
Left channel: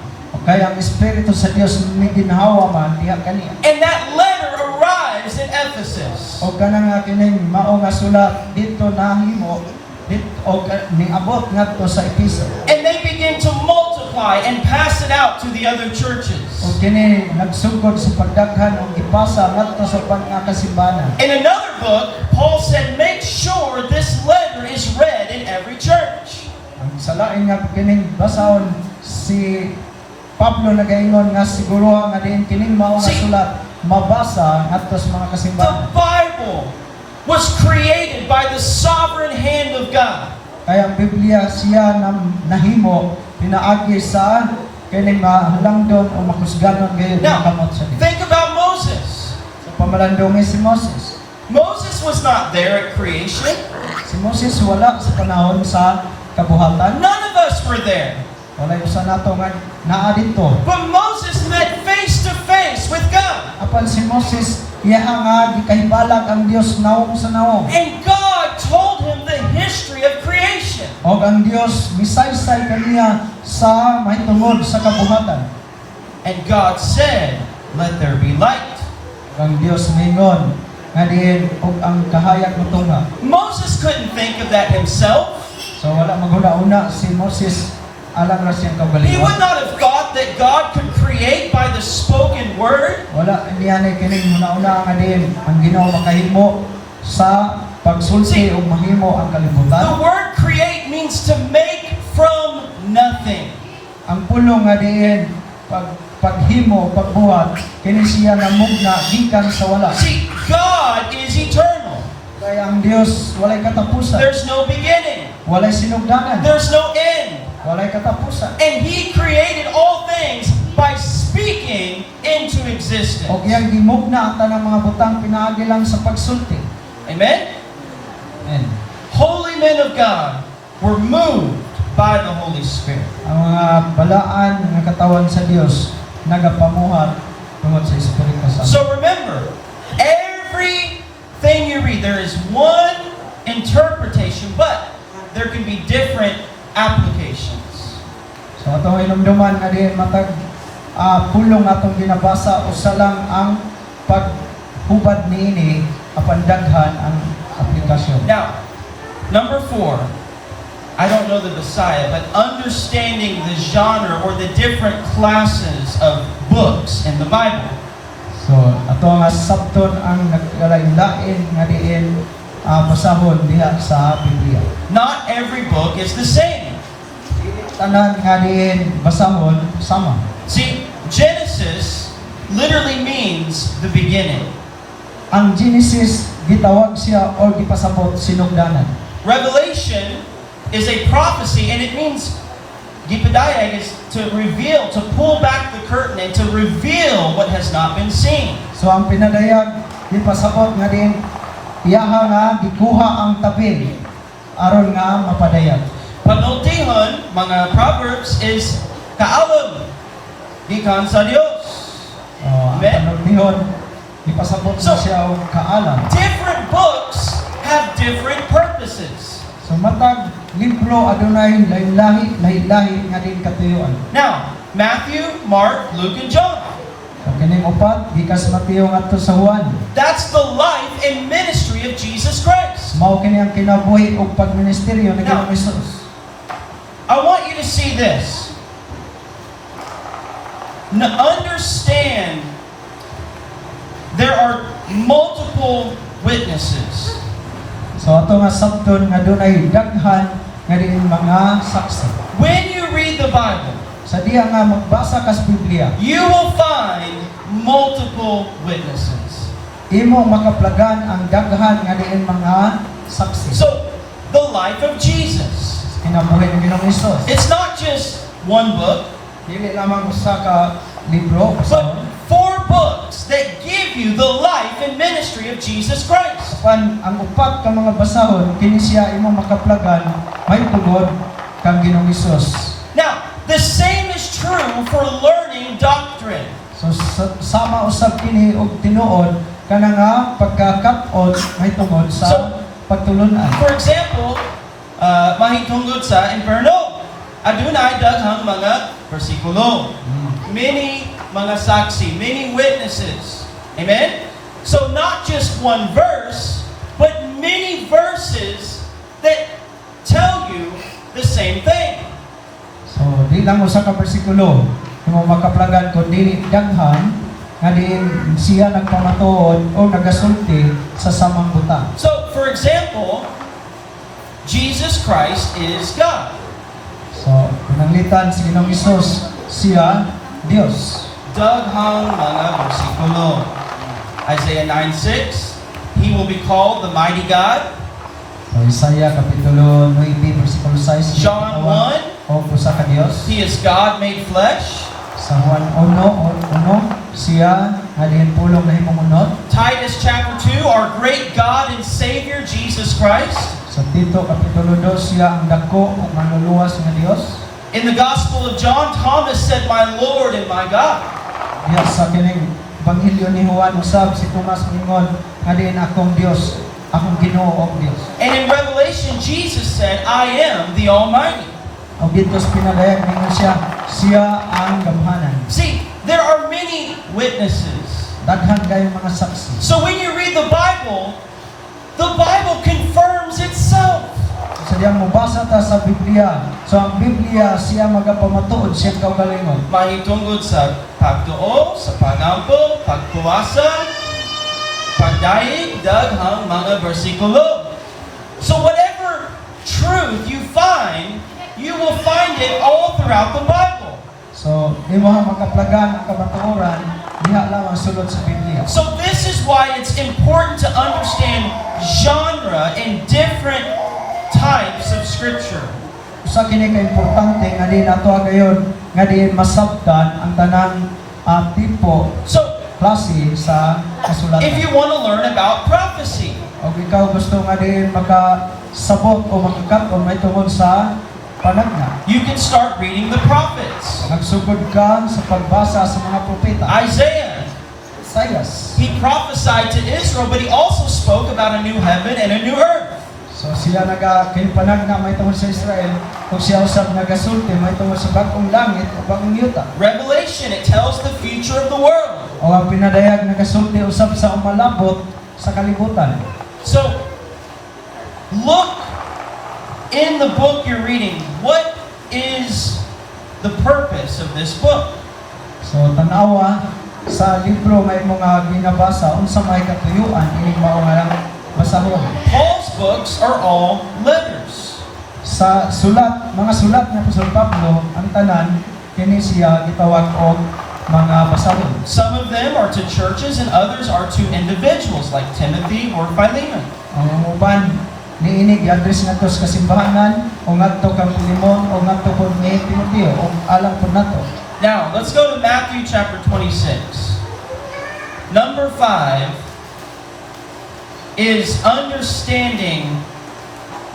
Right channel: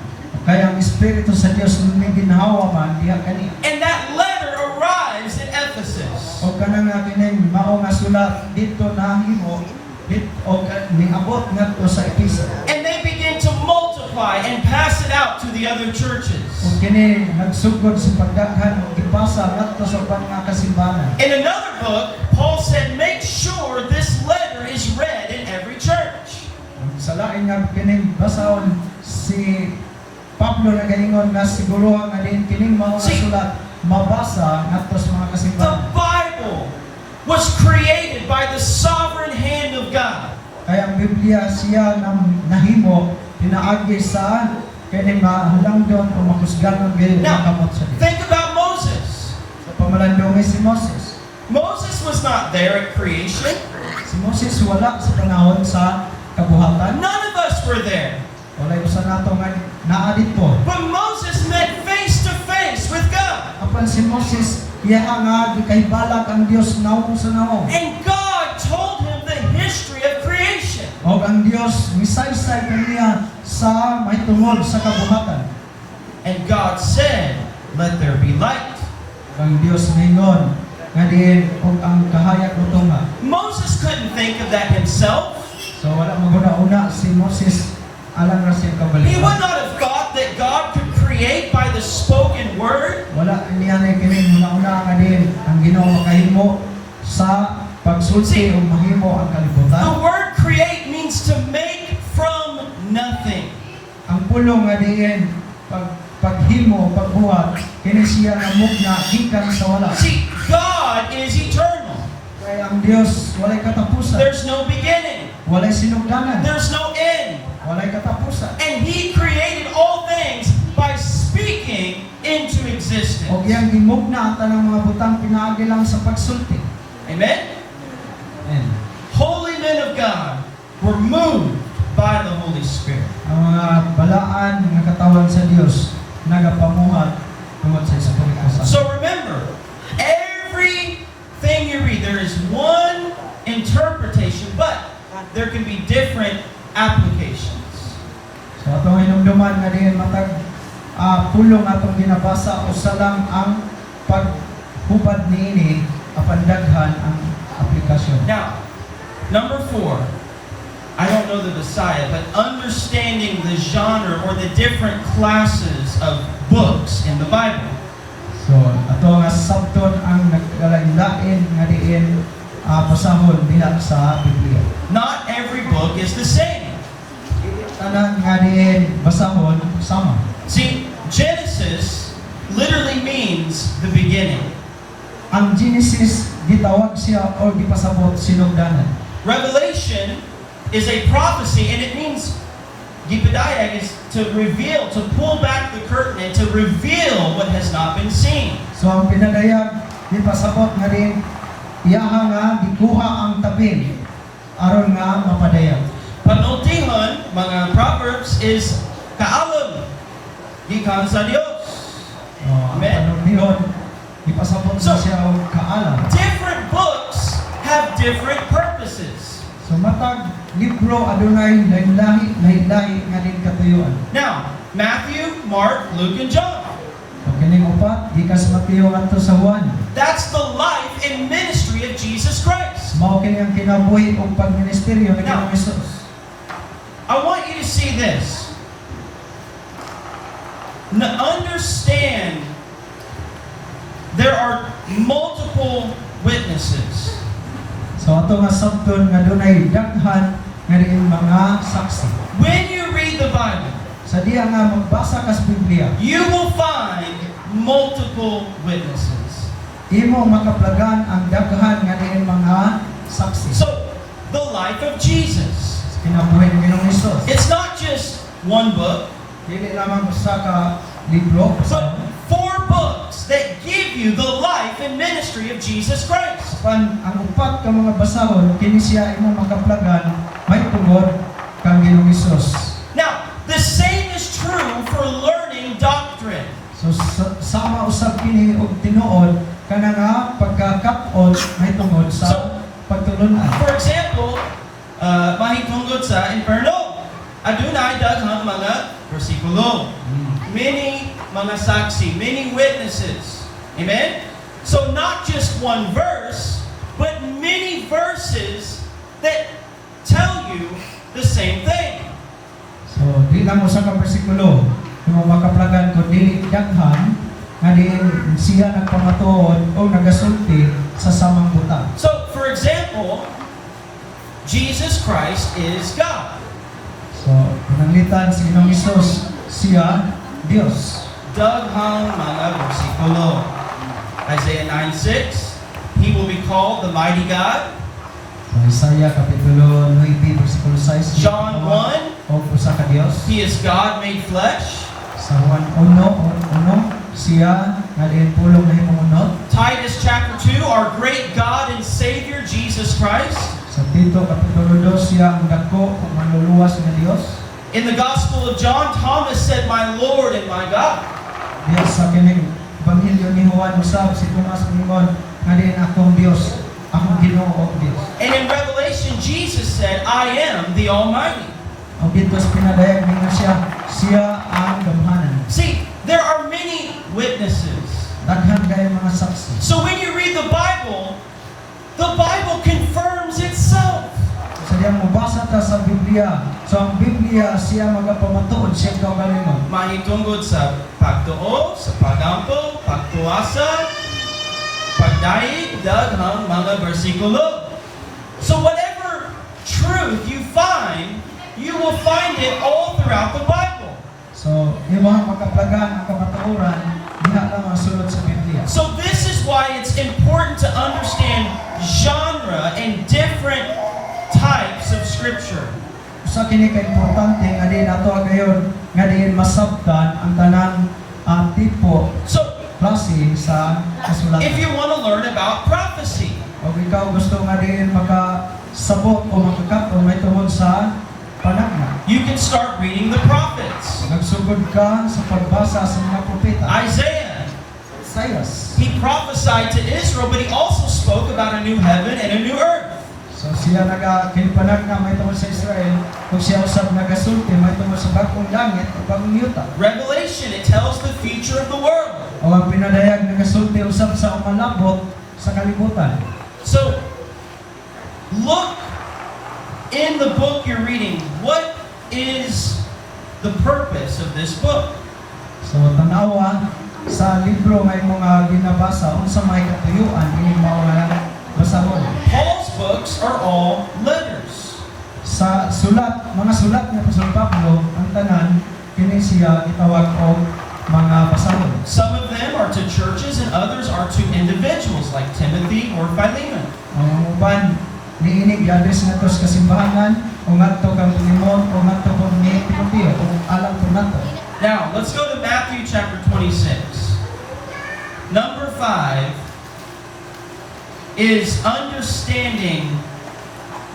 Kaya ang Espiritu sa Dios may ginhawa man diha kaniya. And that letter arrives in Ephesus. O kanang nga kining mao nga sulat dito nahimo dito o niabot ngadto sa Efeso. And they begin to multiply and pass it out to the other churches. O kini nagsugod sa pagdaghan o gipasa ngadto sa pagkakasimbahan. In another book, Paul said, make sure this letter is read in every church. Ang salain nga kining basahon si Pablo nagaingon nga siguro nga din kining mao nga See, sulat mabasa ngadto sa mga The kasimbahan. Bible was created by the sovereign hand of God. Kaya ang Biblia siya nahimo pinaagi sa kining mahalangdon o makusganon gayud Now, makamot sa Dios. think about Moses. So pamalandong si Moses. Moses was not there at creation. Si Moses wala sa panahon sa kabuhatan. None of us were there. Wala ko sa nato nga naa dito. But Moses met face to face with God. Apan si Moses iya nga gikahibalag ang Dios nawong sa nawong. And God told him the history of creation. O ang Dios misaysay kaniya sa mahitungod sa kabuhatan. And God said, let there be light. Ang Dios ningon nga diin og ang kahayag motunga. Moses couldn't think of that himself. So wala maguna-una si Moses alam na siyang He would kagalingon. not have thought that God could create by the spoken word. Wala niya na kining una-una nga diin ang Ginoo makahimo sa pagsulti o mahimo ang The kalibutan. word create means to make from nothing. Ang pulong nga diin paghimo, pagbuhat, kini siya namugna gikan sa wala. See, God is eternal. Kaya ang Dios walay katapusan, There's no beginning. walay sinugdanan, There's no end. walay katapusan. And He created all things by speaking into existence. O iyang gimugna ang tanang mga butang pinaagi lang sa pagsulti. Amen? Amen. Holy men of God were moved by the Holy Spirit. Ang mga balaan ng katawan sa Dios nagapamuhat tungod sa Espiritu Santo. So remember, everything you read, there is one interpretation, but there can be different applications. Sa atong hinumduman nga diin matag pulong atong binabasa usa lang ang paghubad niini apan daghan ang aplikasyon. Now, number 4, I don't know the Messiah, but understanding the genre or the different classes of books in the Bible. So ato nga sabton ang nagkalain-lain nga diin basahon diha sa Biblia. Not every book is the same. Tanan nga diin basahon sama. See, Genesis literally means the beginning. Ang Genesis gitawag siya o gipasabot sinugdanan. Revelation is a prophecy, and it means Gipedayag is to reveal, to pull back the curtain and to reveal what has not been seen. So ang pinadayag gipasabot nga diin iyaha nga gikuha ang tabi aron nga mapadayag. Panultihon, mga Proverbs, is kaalam, gikan sa Dios. Amen. Ang bihon gipasabot So- siya og kaalam. Different books have different purposes. So matag libro adunay lahi-lahi nga din katuyoan. Now, Matthew, Mark, Luke, and John. Ang kining upat gikas Mateo ngadto sa Juan. That's the life and ministry of Jesus Christ. Mao kini ang kinabuhi ug pagministeryo ni Ginoong Hesus. I want you to see this. Understand there are multiple witnesses. So ato nga sabton nga dunay daghan nga diin mga saksi. When you read the Bible, Sa diya nga magbasa kas Biblia, you will find multiple witnesses. imo makaplagan ang daghan nga diin mga saksi. So, the life of Jesus. Kinabuhi ng Ginoong Hesus. It's not just one book, Dili lamang usa ka libro, but basta 4 books that give you the life and ministry of Jesus Christ. pan ang upat ka mga basahon kini siya imo makaplagan may tungod kang Ginoong Hesus. Now, the same is true for learning doctrine. So sama usab kini og tinuod kana nga pagkakat-on may tungod sa pagtulunan. For example, mahitungod sa imperno. Adunay daghang mga bersikulo. Many mga saksi, many witnesses. Amen? So not just one verse, but many verses that tell you the same thing. So di lang usa ka bersikulo imo makaplagan kundi daghan nga diin siya nagpamatuod o nagasulti sa samang butang. So, for example, Jesus Christ is God. So pinanglitan si Ginoong Hesus siya Dios. Daghang mga bersikulo. Isaiah 9:6, He will be called the mighty God. So Isaiah kapitulo 9 bersikulo 6. John 1, o usa ka Dios. He is God made flesh. Sa Juan 1:1 siya nga diin pulong nahimong unod. Titus chapter 2, our great God and Savior, Jesus Christ. Sa Tito kapitulo 2 siya ang dako ug manluluwas nga Dios. In the Gospel of John, Thomas said, my Lord and my God. Diya sa kining Ebanghelyo ni Juan usab si Tomas ingon nga diin akong Dios, akong Ginoo og Dios. And in Revelation, Jesus said, I am the Almighty. Og dito sa pinadayag ningon siya ang gamhanan. See, there are many witnesses. Daghan kayo mga saksi. So when you read the Bible confirms itself. Sa diyang mabasa ta sa Biblia, so ang Biblia siya magapamatuod siya kaugalingon. Mahitungod sa pagtuo, sa pagampo, pagpuwasa, pagdaig, daghang mga bersikulo. So whatever truth you find, you will find it all throughout the Bible. So imo ang makaplagan ang kamatuoran diha lang ang sulod sa Biblia. So this is why it's important to understand genre and different types of scripture. Usa kini ka importante nga din ato gayon nga din masabtan ang tanang tipo So klase sa kasulatan. if you want to learn about prophecy, O ikaw gusto nga din makasabot o makakaton may tungod sa panagna. you can start reading the prophets. Nagsugod ka sa pagbasa sa mga propeta. Isaiah, Isaias. he prophesied to Israel, but he also spoke about a new heaven and a new earth. So siya kinipanagna may tungod sa Israel kung siya usab nagasulti may tungod sa bagong langit o bagong yuta. Revelation, it tells the future of the world. O ang pinadayag nagasulti usab sa umalabot sa kalibutan. So, look in the book you're reading. What is the purpose of this book? So tanawa sa libro may mga ginabasa unsa may katuyuan ini mao nga basahon. Paul's books are all letters. Sa mga sulat nga Apostol Pablo ang tanan kini siya gitawag og mga basahon. Some of them are to churches and others are to individuals like Timothy or Philemon. Ang uban niini gi-address nato sa kasimbahanan o ngadto kang Limon o ngadto pod ni Timoteo o alam pod nato. Now, let's go to Matthew chapter 26. Number 5 is understanding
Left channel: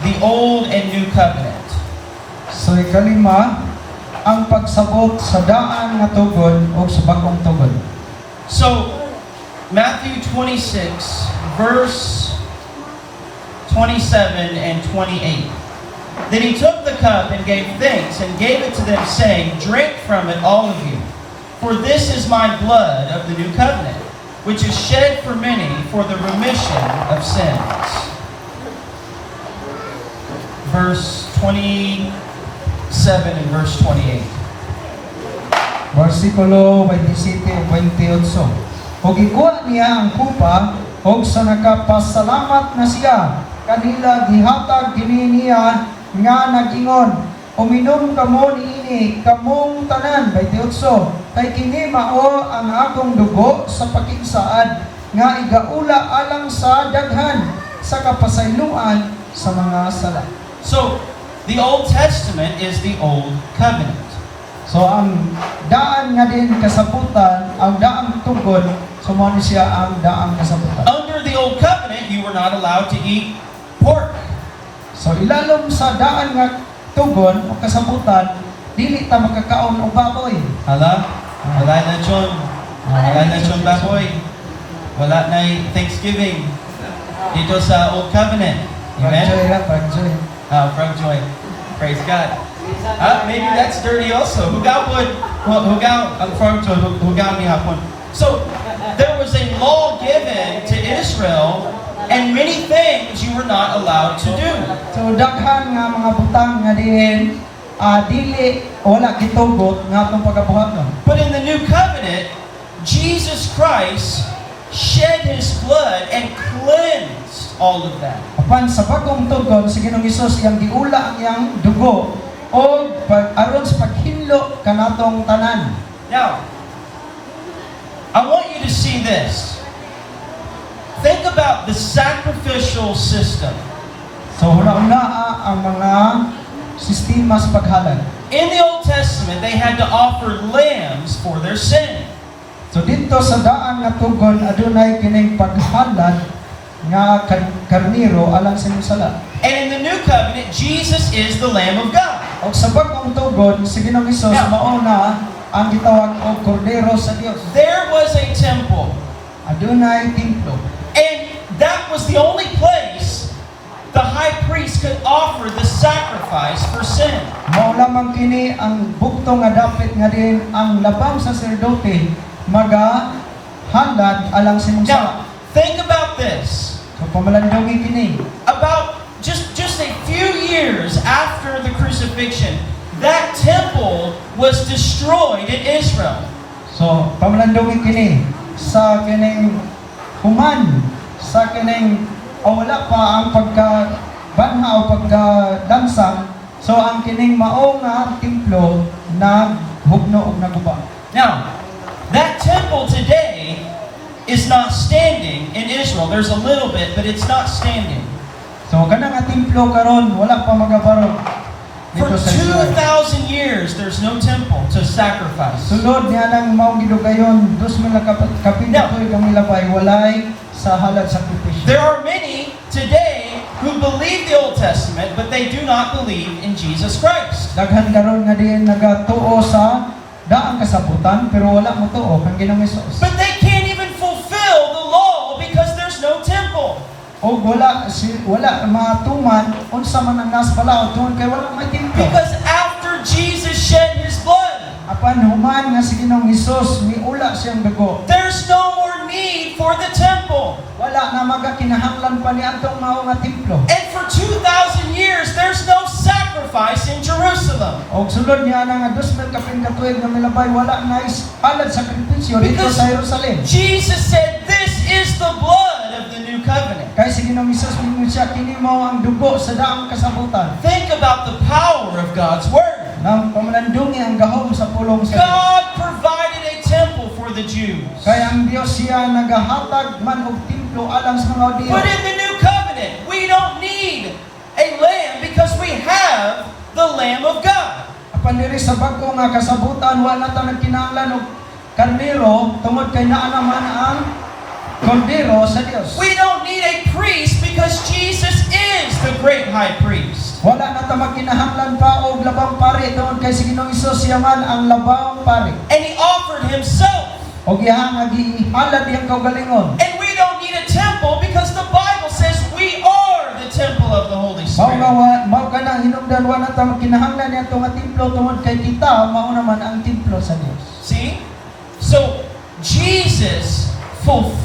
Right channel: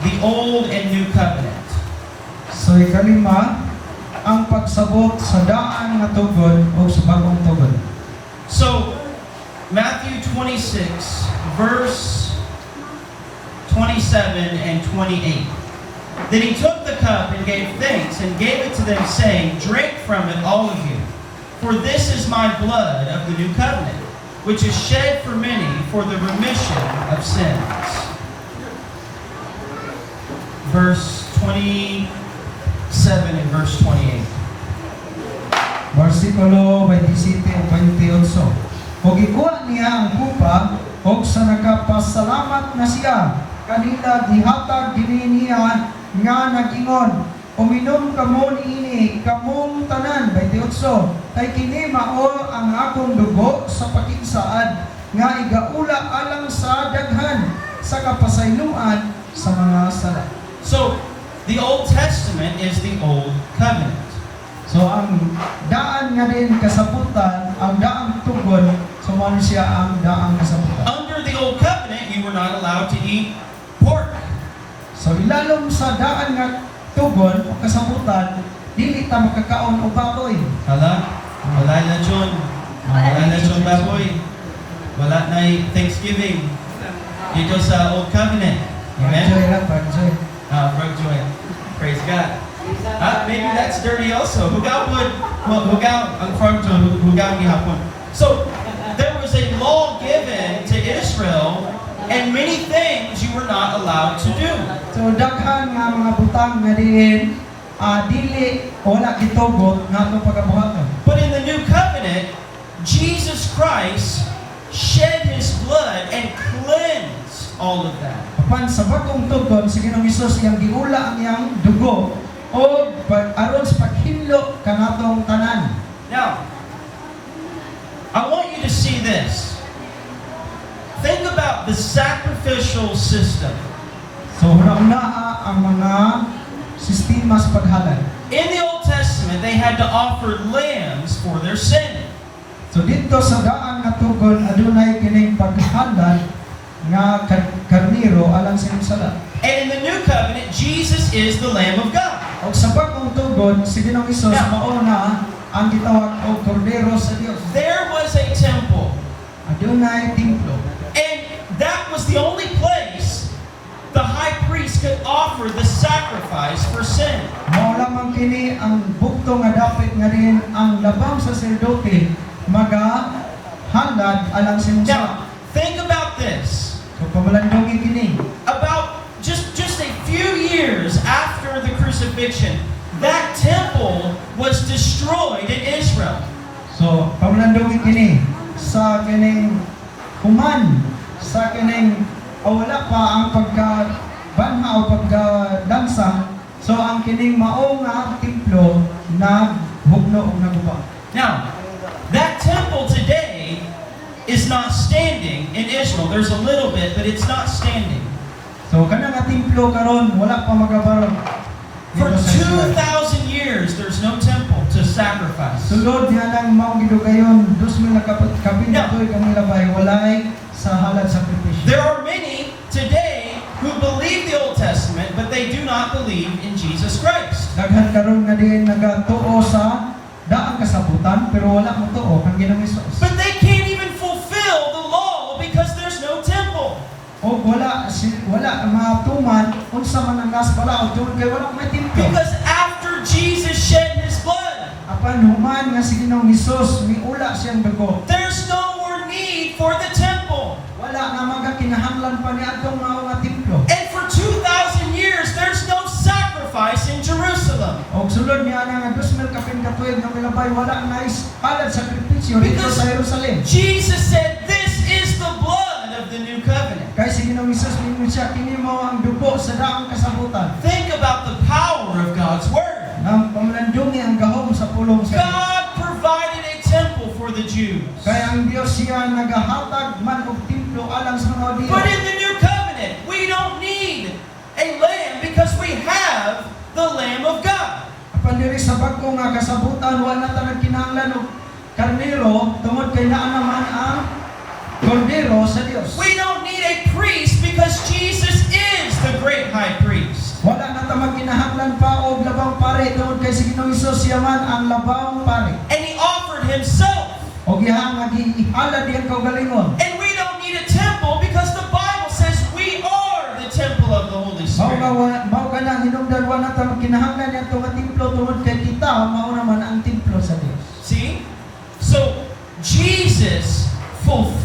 the Old and New Covenant. So ikalima ang pagsabot sa daan nga tugon o sa bagong tugon. So, Matthew 26, verse 27 and 28. Then he took the cup and gave thanks and gave it to them, saying, drink from it, all of you, for this is my blood of the new covenant, which is shed for many for the remission of sins. Verse 27 and verse 28. Versikulo 27 o 28. O gikuha niya ang kupa, o sa nakapasalamat na siya, kanila gihatag kini niya nga nagingon, uminom kamo niini, kamong tanan, 28. Kay kini mao ang akong dugo sa pakisaad, nga igaula alang sa daghan, sa kapasayloan sa mga sala. So, the Old Testament is the Old Covenant. So ang daan nga din kasabutan, ang daang tugon, sumano siya ang daang kasabutan. Under the Old Covenant, you were not allowed to eat pork. So ilalom sa daan nga tugon o kasabutan, dili ta makakaon og baboy. Hala? Wala na John. Wala na John baboy. Wala na Thanksgiving. Dito sa Old Covenant. Amen? Pagjoy. Frank Joy. Praise God. Maybe that's dirty also. So, there was a law given to Israel, and many things you were not allowed to do. So daghan nga mga butang nga din dili wala gitugot nga atong pagabuhaton. But in the new covenant, Jesus Christ shed His blood and cleansed all of that. Apan sa bagong tugon si Ginoong Hesus iyang giula ang iyang dugo o aron sa paghinlo kanatong tanan. Now, I want you to see this. Think about the sacrificial system. So una ang mga sistema sa paghalad. In the Old Testament, they had to offer lambs for their sin. So dito sa daan nga tugon adunay kining paghalad nga karniro alang sa inyong sala. And in the New Covenant, Jesus is the Lamb of God. Og sa bagong tugon si Ginoong Hesus mao na ang gitawag og kordero sa Dios. There was a temple, Adunay templo. and that was the only place the high priest could offer the sacrifice for sin. Mao lamang kini ang bukto nga dapit nga din ang labang saserdote magahalad alang sa inyong sala. Now, think about this. So pamalandongi kini. About just a few years after the crucifixion, that temple was destroyed in Israel. So pamalandongi kini sa kining human sa kining wala pa ang pagkabanha o pagkadansang, so ang kining mao nga templo na hugno og naguba. Now, that temple today is not standing in Israel. There's a little bit, but it's not standing. So kanang nga templo karon wala pa magabarog For dito sa Israel. 2,000 years, there's no temple to sacrifice. Sulod niya nang mao gidugayon 2,000 na kapintuig ang milabay walay sa halad sakripisyo. There are many today who believe the Old Testament, but they do not believe in Jesus Christ. Daghan karon nga din nagatuo sa daang kasabutan pero wala mo tuo kang Ginoong Hesus. But they can't even fulfill the law because there's no temple. O wala matuman unsa man ang nas pala tungod kay wala may templo. Because after Jesus shed His blood, Apan human nga si Ginoong Hesus miula siyang dugo. there's no more need for the temple. Wala na magakinahanglan pa ni atong mao nga templo. And for 2,000 years, there's no sacrifice in Jerusalem. Og sulod niya nga 2,000 kapintuig nga milabay wala na halad sakripisyo dito Because sa Jerusalem. Jesus said, "This is the blood of the new covenant." Kaya si Ginoong Hesus mingon siya kini mo ang dugo sa daang kasabutan. Think about the power of God's word. Nang pamalandungi ang gahom sa pulong sa Dios. God provided a temple for the Jews. Kaya ang Dios siya nagahatag man og templo alang sa mga Hudiyo. But in the new covenant, we don't need a lamb because we have the Lamb of God. Apan diri sa bag-o nga kasabutan wala ta nagkinahanglan og karnero tungod kay naa naman ang kordero sa Dios. We don't need a priest because Jesus is the great high priest. Wala na ta magkinahanglan pa og labang pare tungod kay si Ginoong Hesus siya man ang labang pare. And He offered Himself. Og iyang gihalad iyang kaugalingon. And we don't need a temple because the Bible says we are the temple of the Holy Spirit. Mao ka na hinungdan wala ta magkinahanglan niya nga templo tungod kay kita mao naman ang templo sa Dios. See? So, Jesus fulfilled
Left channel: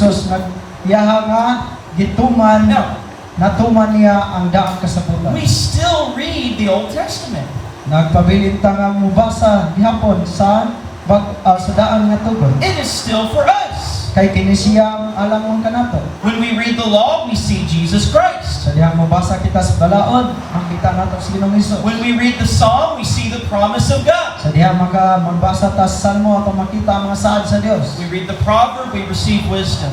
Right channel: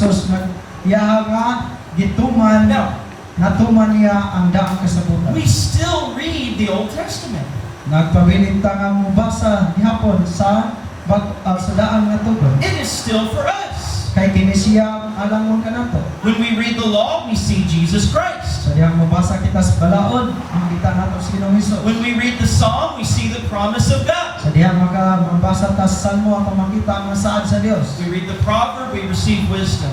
Hesus nagyaha nga gituman Now, natuman niya ang daang kasabutan. we still read the Old Testament. Nagpabilin ta nga mubasa gihapon sa sa daang nga tugon. It is still for us. Kay kini siya alamon kanato. When we read the law, we see Jesus Christ. Sa dihang mubasa kita sa balaod, makita nato si Ginoong Hesus. When we read the Psalm, we see the promise of God. Sa dihang mabasa ta sa salmo ato makita ang mga saad sa Dios. We read the proverb, we receive wisdom.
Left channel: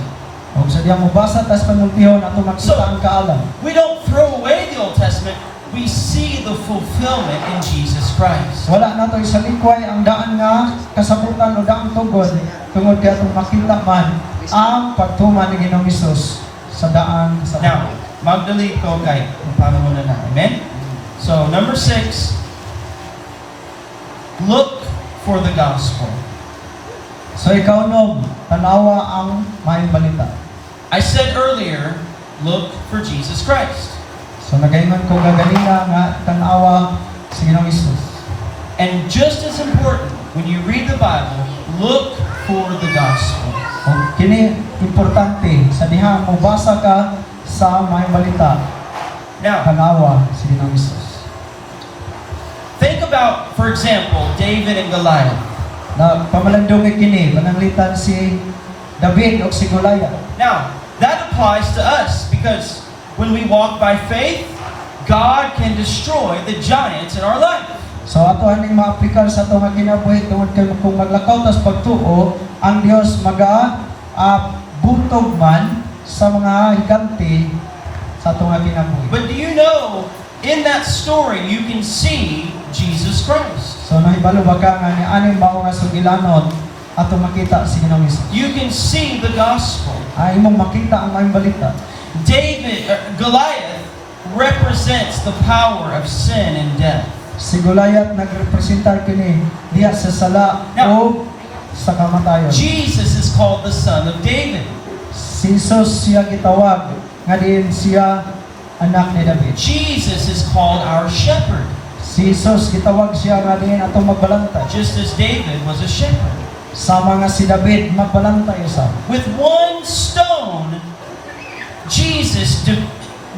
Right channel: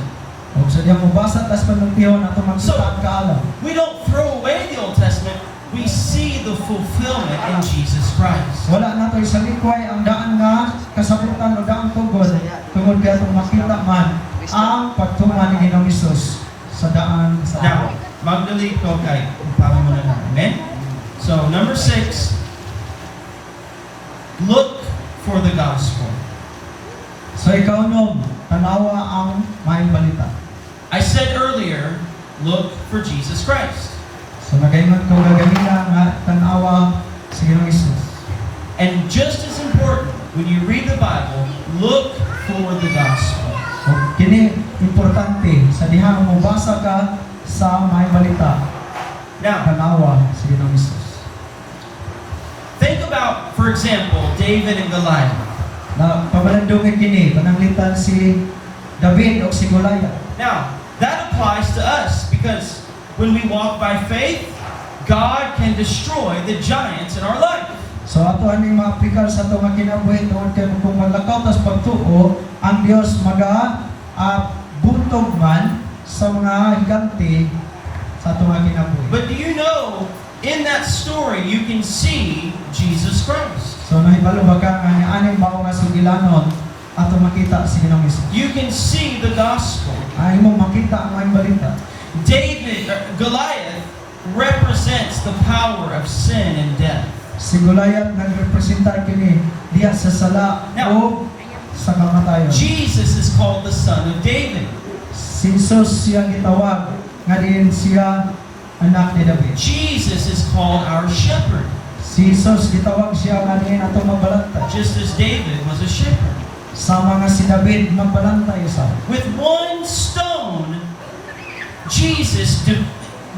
Ug sa dihang mubasa ta sa panultihon ato makita ang kaalam. We don't throw away the Old Testament. We see the fulfillment in Jesus Christ. Wala nato isalikway ang daan nga kasabutan o daang tugon tungod kay atong makita man ang pagtuman ni Ginoong Hesus sa daan sa Now, mag-delete ko kay para muna na. Amen? So, number 6, look for the gospel. So ikaw no, tanawa ang maayong balita. I said earlier, look for Jesus Christ. So nagaingon kong gagalina nga tanawa sa Ginoong Hesus. And just as important, when you read the Bible, look for the gospel. O kini importante sa dihang mubasa ka sa maayong balita, Now, tanawa sa Ginoong Hesus. think about, for example, David and Goliath. Na pamalandong kini pananglitan si David o si Goliath. Now, that applies to us because when we walk by faith, God can destroy the giants in our life. So ato aning maaplikar sa ato nga kinabuhi tungod kay kung maglakaw tas pagtuo, ang Dios butog man sa mga higante sa ato nga kinabuhi. But do you know, in that story, you can see Jesus Christ. So mahibalo ba ka nga ni aning mao nga sugilanon ato makita si Ginoong Hesus. You can see the gospel. Imong makita ang maayong balita. Goliath represents the power of sin and death. Si Goliath nagrepresentar kini diha sa sala o sa kamatayon. Jesus is called the son of David. Si Jesus siya gitawag nga diin siya anak ni David. Jesus is called our shepherd, Si Jesus gitawag siya nga diin ato magbalanta. just as David was a shepherd. Sama nga si David magbalanta sa. With one stone,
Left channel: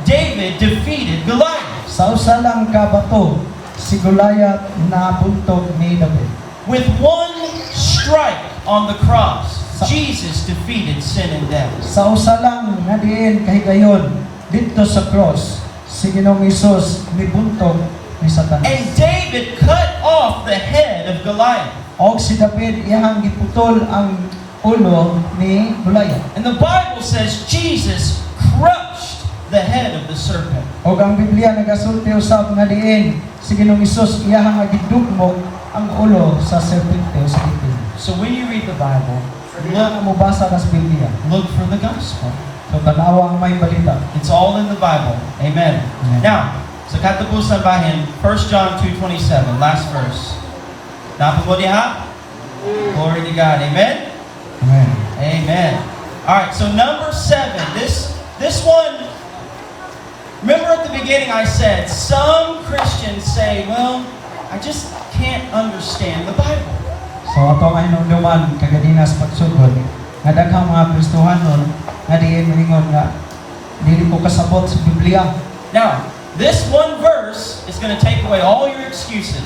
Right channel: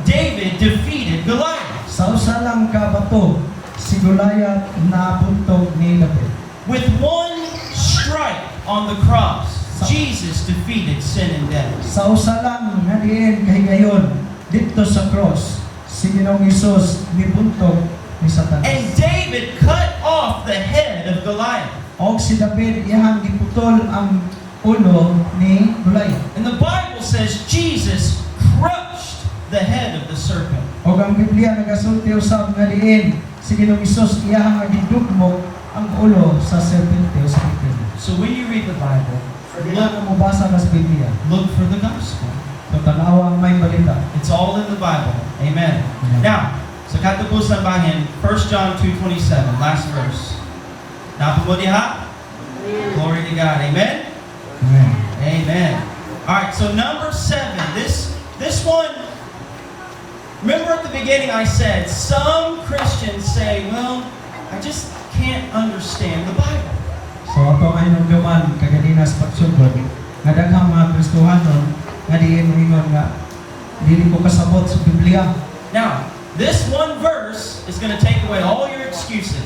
David defeated Goliath. Sa usa lang ka bato si Goliath nabuntog ni David. With one strike on the cross, Jesus defeated sin and death. Sa usa lang nga diin kahigayon dito sa cross si Ginoong Hesus mibuntog ni Satanas. And David cut off the head of Goliath. Og si David iyang giputol ang ulo ni Goliath. And the Bible says Jesus crushed the head of the serpent. Og ang Biblia nagasulti usab nga diin si Ginoong Hesus iyang gidugmok ang ulo sa serpente o sa itim. So when you read the Bible, Nga mubasa na sa Biblia. look for the gospel. So tanawa ang may balita. It's all in the Bible. Amen. Amen. Now, sa katapusan bahin, 1 John 2:27, last verse. Napa mo diha? Glory to God. Amen? Amen. Amen. Alright, so number 7. This one, remember at the beginning I said, some Christians say, well, I just can't understand the Bible. So ato ang hinumduman kagadinas pagsugod nga daghang mga Kristohanon nga diin ingon nga dili ko kasabot sa Biblia. Now, this one verse is going to take away all your excuses.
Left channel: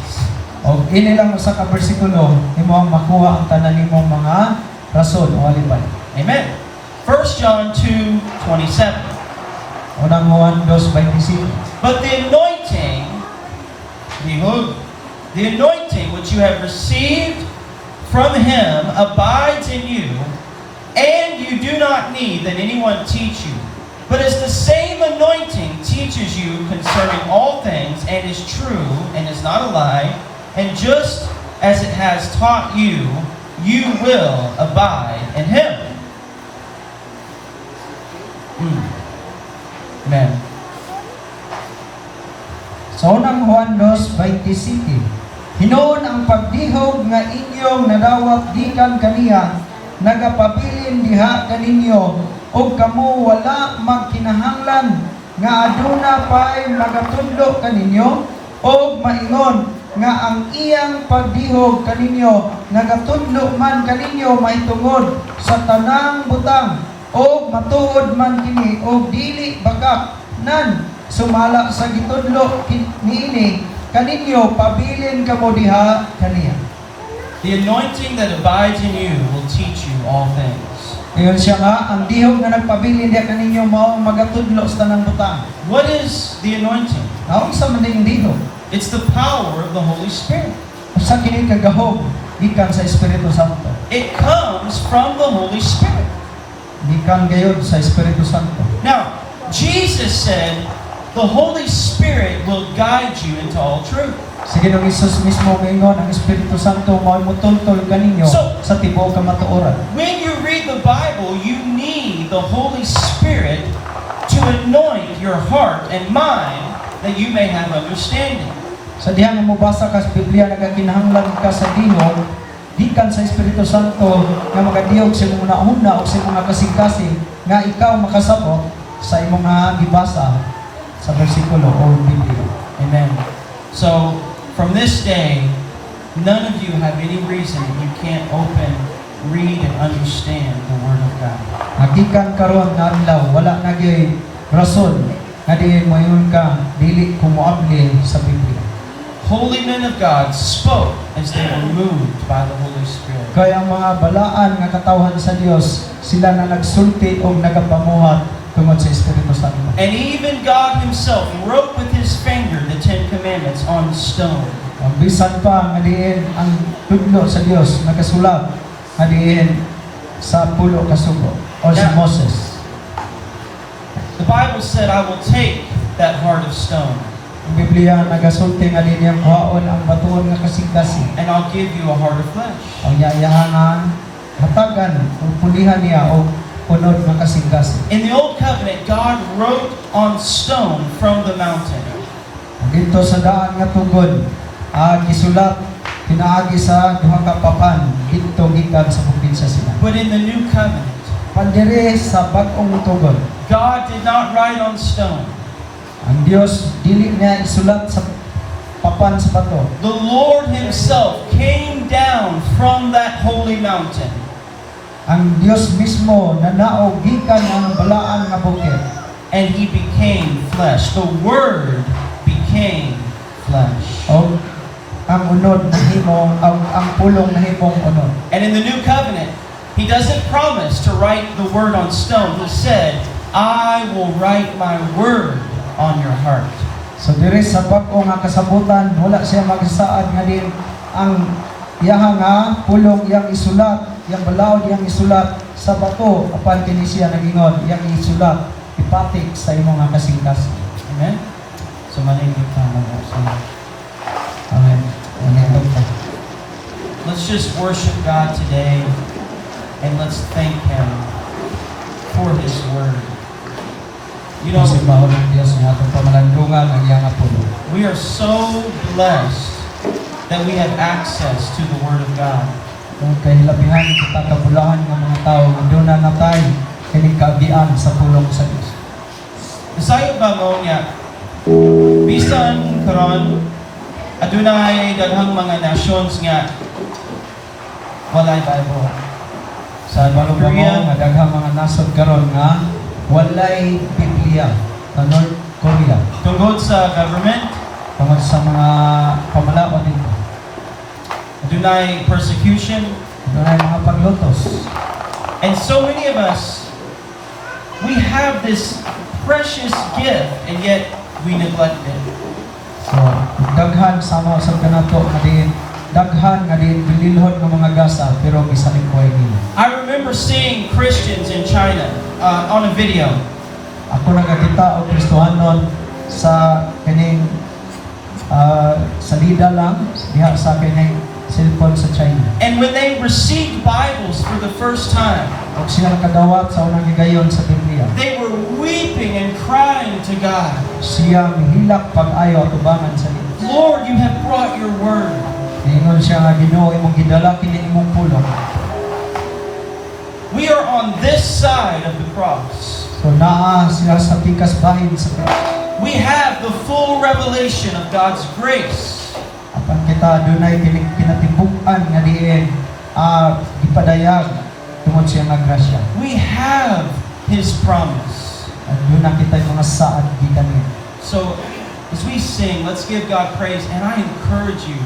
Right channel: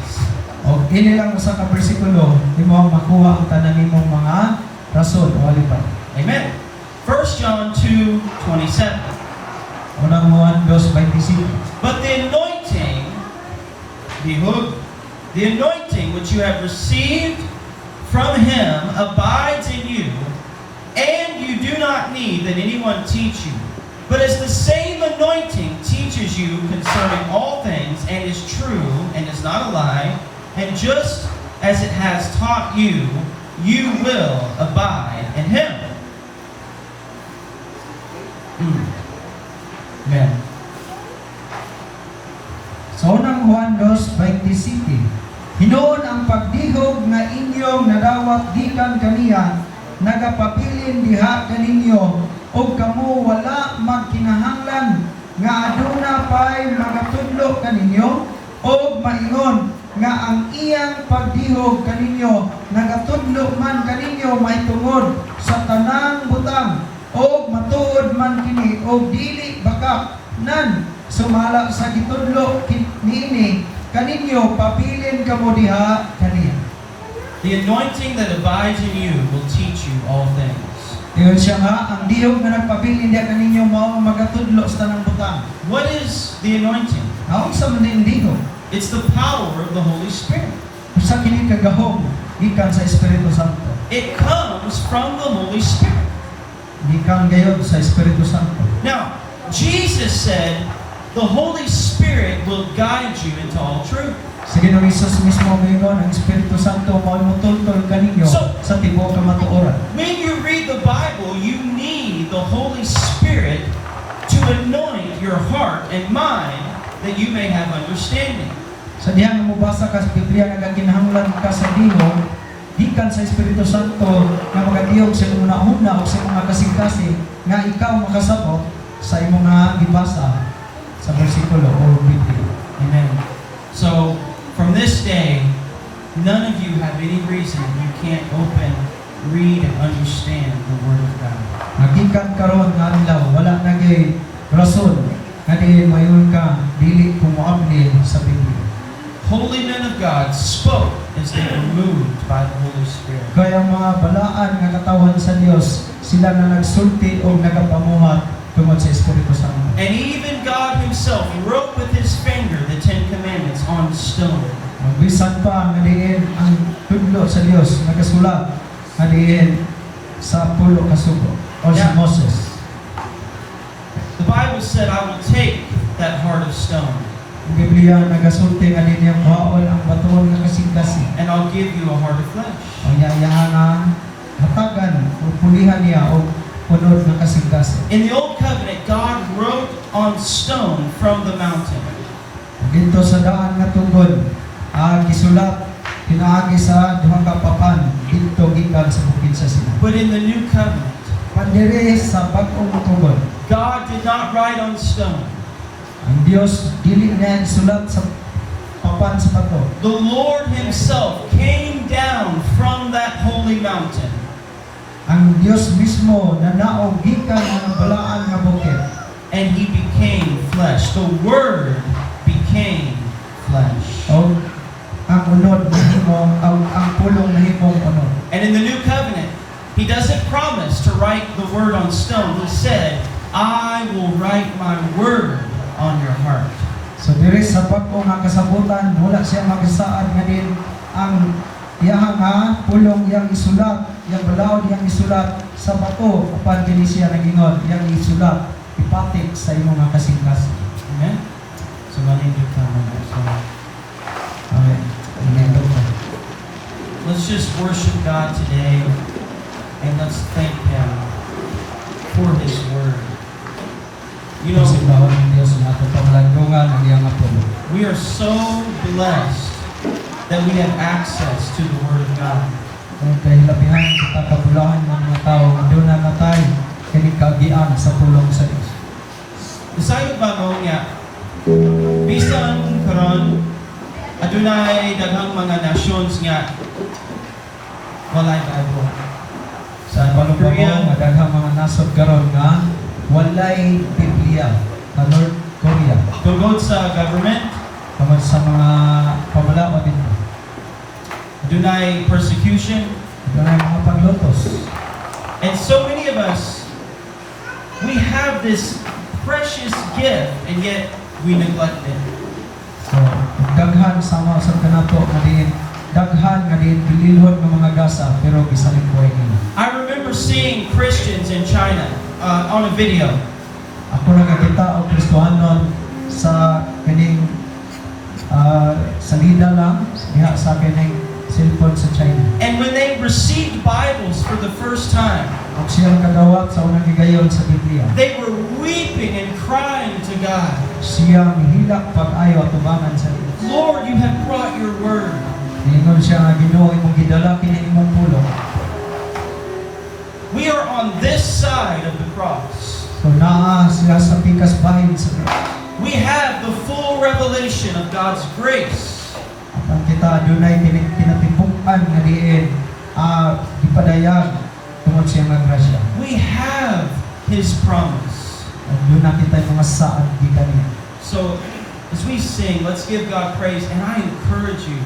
Og ini lang usa ka bersikulo imo ang makuha ang tanan nimong mga rason o alipay. Amen. 1 John 2:27. Unang Juan 2:25. But the anointing which you have received from him abides in you, and you do not need that anyone teach you. But as the same anointing teaches you concerning all things, and is true, and is not a lie, and just as it has taught you, you will abide in him. Amen. So unang Juan 2:27. Hinoon ang pagdihog nga inyong nadawat gikan kaniya nagapabilin diha kaninyo og kamo wala magkinahanglan nga aduna pay magatundo kaninyo og maingon nga ang iyang pagdihog kaninyo nagatundo man kaninyo mahitungod sa tanang butang o matuod man kini o dili bagak nan sumala sa gitudlo niini kaninyo pabilin kamo diha kaniya. The anointing that abides in you will teach you all things. Dayon siya nga ang dihog nga nagpabilin diha kaninyo mao ang magatudlo sa tanang butang. What is the anointing? Naon sa man ning dihog? It's the power of the Holy Spirit. Sa kini kagahom gikan sa Espiritu Santo. It comes from the Holy Spirit. Gikan gayud sa Espiritu Santo. Now, Jesus said, the Holy Spirit will guide you into all truth. Sige na Jesus mismo ngayon ang Espiritu Santo mao mutultol kaninyo So- sa tibuok nga matuoran. When you read the Bible, you need the Holy Spirit to anoint your heart and mind that you may have understanding. Sa diha nga mobasa ka sa Biblia nagakinahanglan ka sa dihog gikan sa Espiritu Santo nga magadiyog sa imong nauna o sa mga kasing-kasing nga ikaw makasabot sa imong nga gibasa sa bersikulo o Biblia. Amen. So, from this day, none of you have any reason that you can't open, read, and understand the Word of God. Magikan karon nga adlaw wala na gyud rason nga diin moyon ka dili kumuabli sa Biblia. Holy men of God spoke as they were moved by the Holy Spirit. Kaya ang mga balaan nga katawhan sa Dios sila na nagsulti o nagapamuhat tungod sa Espiritu Santo. And even God Himself wrote with His finger the Ten Commandments on the stone. Ang bisan pa nga diin ang tudlo sa Dios nagasulat nga diin sa pulo ka sugo o sa Yeah. Moses. The Bible said, I will take that heart of stone Ang Biblia nagasulti nga diin ang kuhaon ang batuon nga kasing-kasing. and I'll give you a heart of flesh. Ang yayahan hatagan o pulihan niya o punod nga kasing-kasing. In the Old Covenant, God wrote on stone from the mountain. Dito sa daan nga tugod, gisulat pinaagi sa duha ka papan dito gikan sa bukid sa Sinai. But in the New Covenant, Pandiri sa bag-ong tugod, God did not write on stone. ang Dios dili niya isulat sa papan sa bato. The Lord Himself came down from that holy mountain. Ang Dios mismo nanaog gikan ang balaan nga bukid. And He became flesh. The Word became flesh. O ang unod nahimong ang pulong nahimong unod. And in the New Covenant, He doesn't promise to write the Word on stone. He said, I will write my Word on your heart. So diri sa bag-o nga kasabutan wala siya magsaad nga din ang iyaha nga pulong iyang isulat, iyang balaod iyang isulat sa bato apan kini siya nagingon iyang isulat ipatik sa imong nga kasing-kasing. Amen? So, maningit naman. Amen. Amen. Let's just worship God today and let's thank Him for His Word. You know, Kasi mahulong Dios ang atong pamalandungan ang iyang pulo. we are so blessed that we have access to the Word of God. Kung kay hilabihan kita kabulahan ng mga tao nga doon na natay kini kagian sa pulong sa Dios. Isayo ba mo niya, bisan karon adunay daghang mga nations nga walay Bible. Sa balong Korea. nga daghang mga nasod karon nga walay Biblia sa North Korea Tungod sa government, tungod sa mga pamalawan dito. adunay persecution, Doon ay mga paglutos. and so many of us, we have this precious gift and yet we neglect it. So, daghan sama sa kanato nga din daghan nga din bililhon ng mga gasa pero bisanin ko ini. I remember seeing Christians in China on a video. Ako nagakita og Kristohanon sa kining salida lang diha sa kining cellphone sa China. And when they received Bibles for the first time, Og siya kadawat sa unang higayon sa Biblia. they were weeping and crying to God, Siya hilak pag-ayo at ubanan sa Dios. Lord, you have brought your word. Ingon siya nga Ginoo imong gidala kini imong pulong. We are on this side of the cross. So naa siya sa pikas bahin sa Dios. We have the full revelation of God's grace. At ang kita dunay kinatibuk-an nga diin gipadayag tungod siya nga grasya. We have His promise. At doon na kita mga saad gitanin. So, as we sing, let's give God praise. And I encourage you,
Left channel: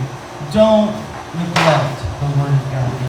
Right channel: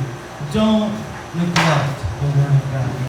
don't neglect the Word of God.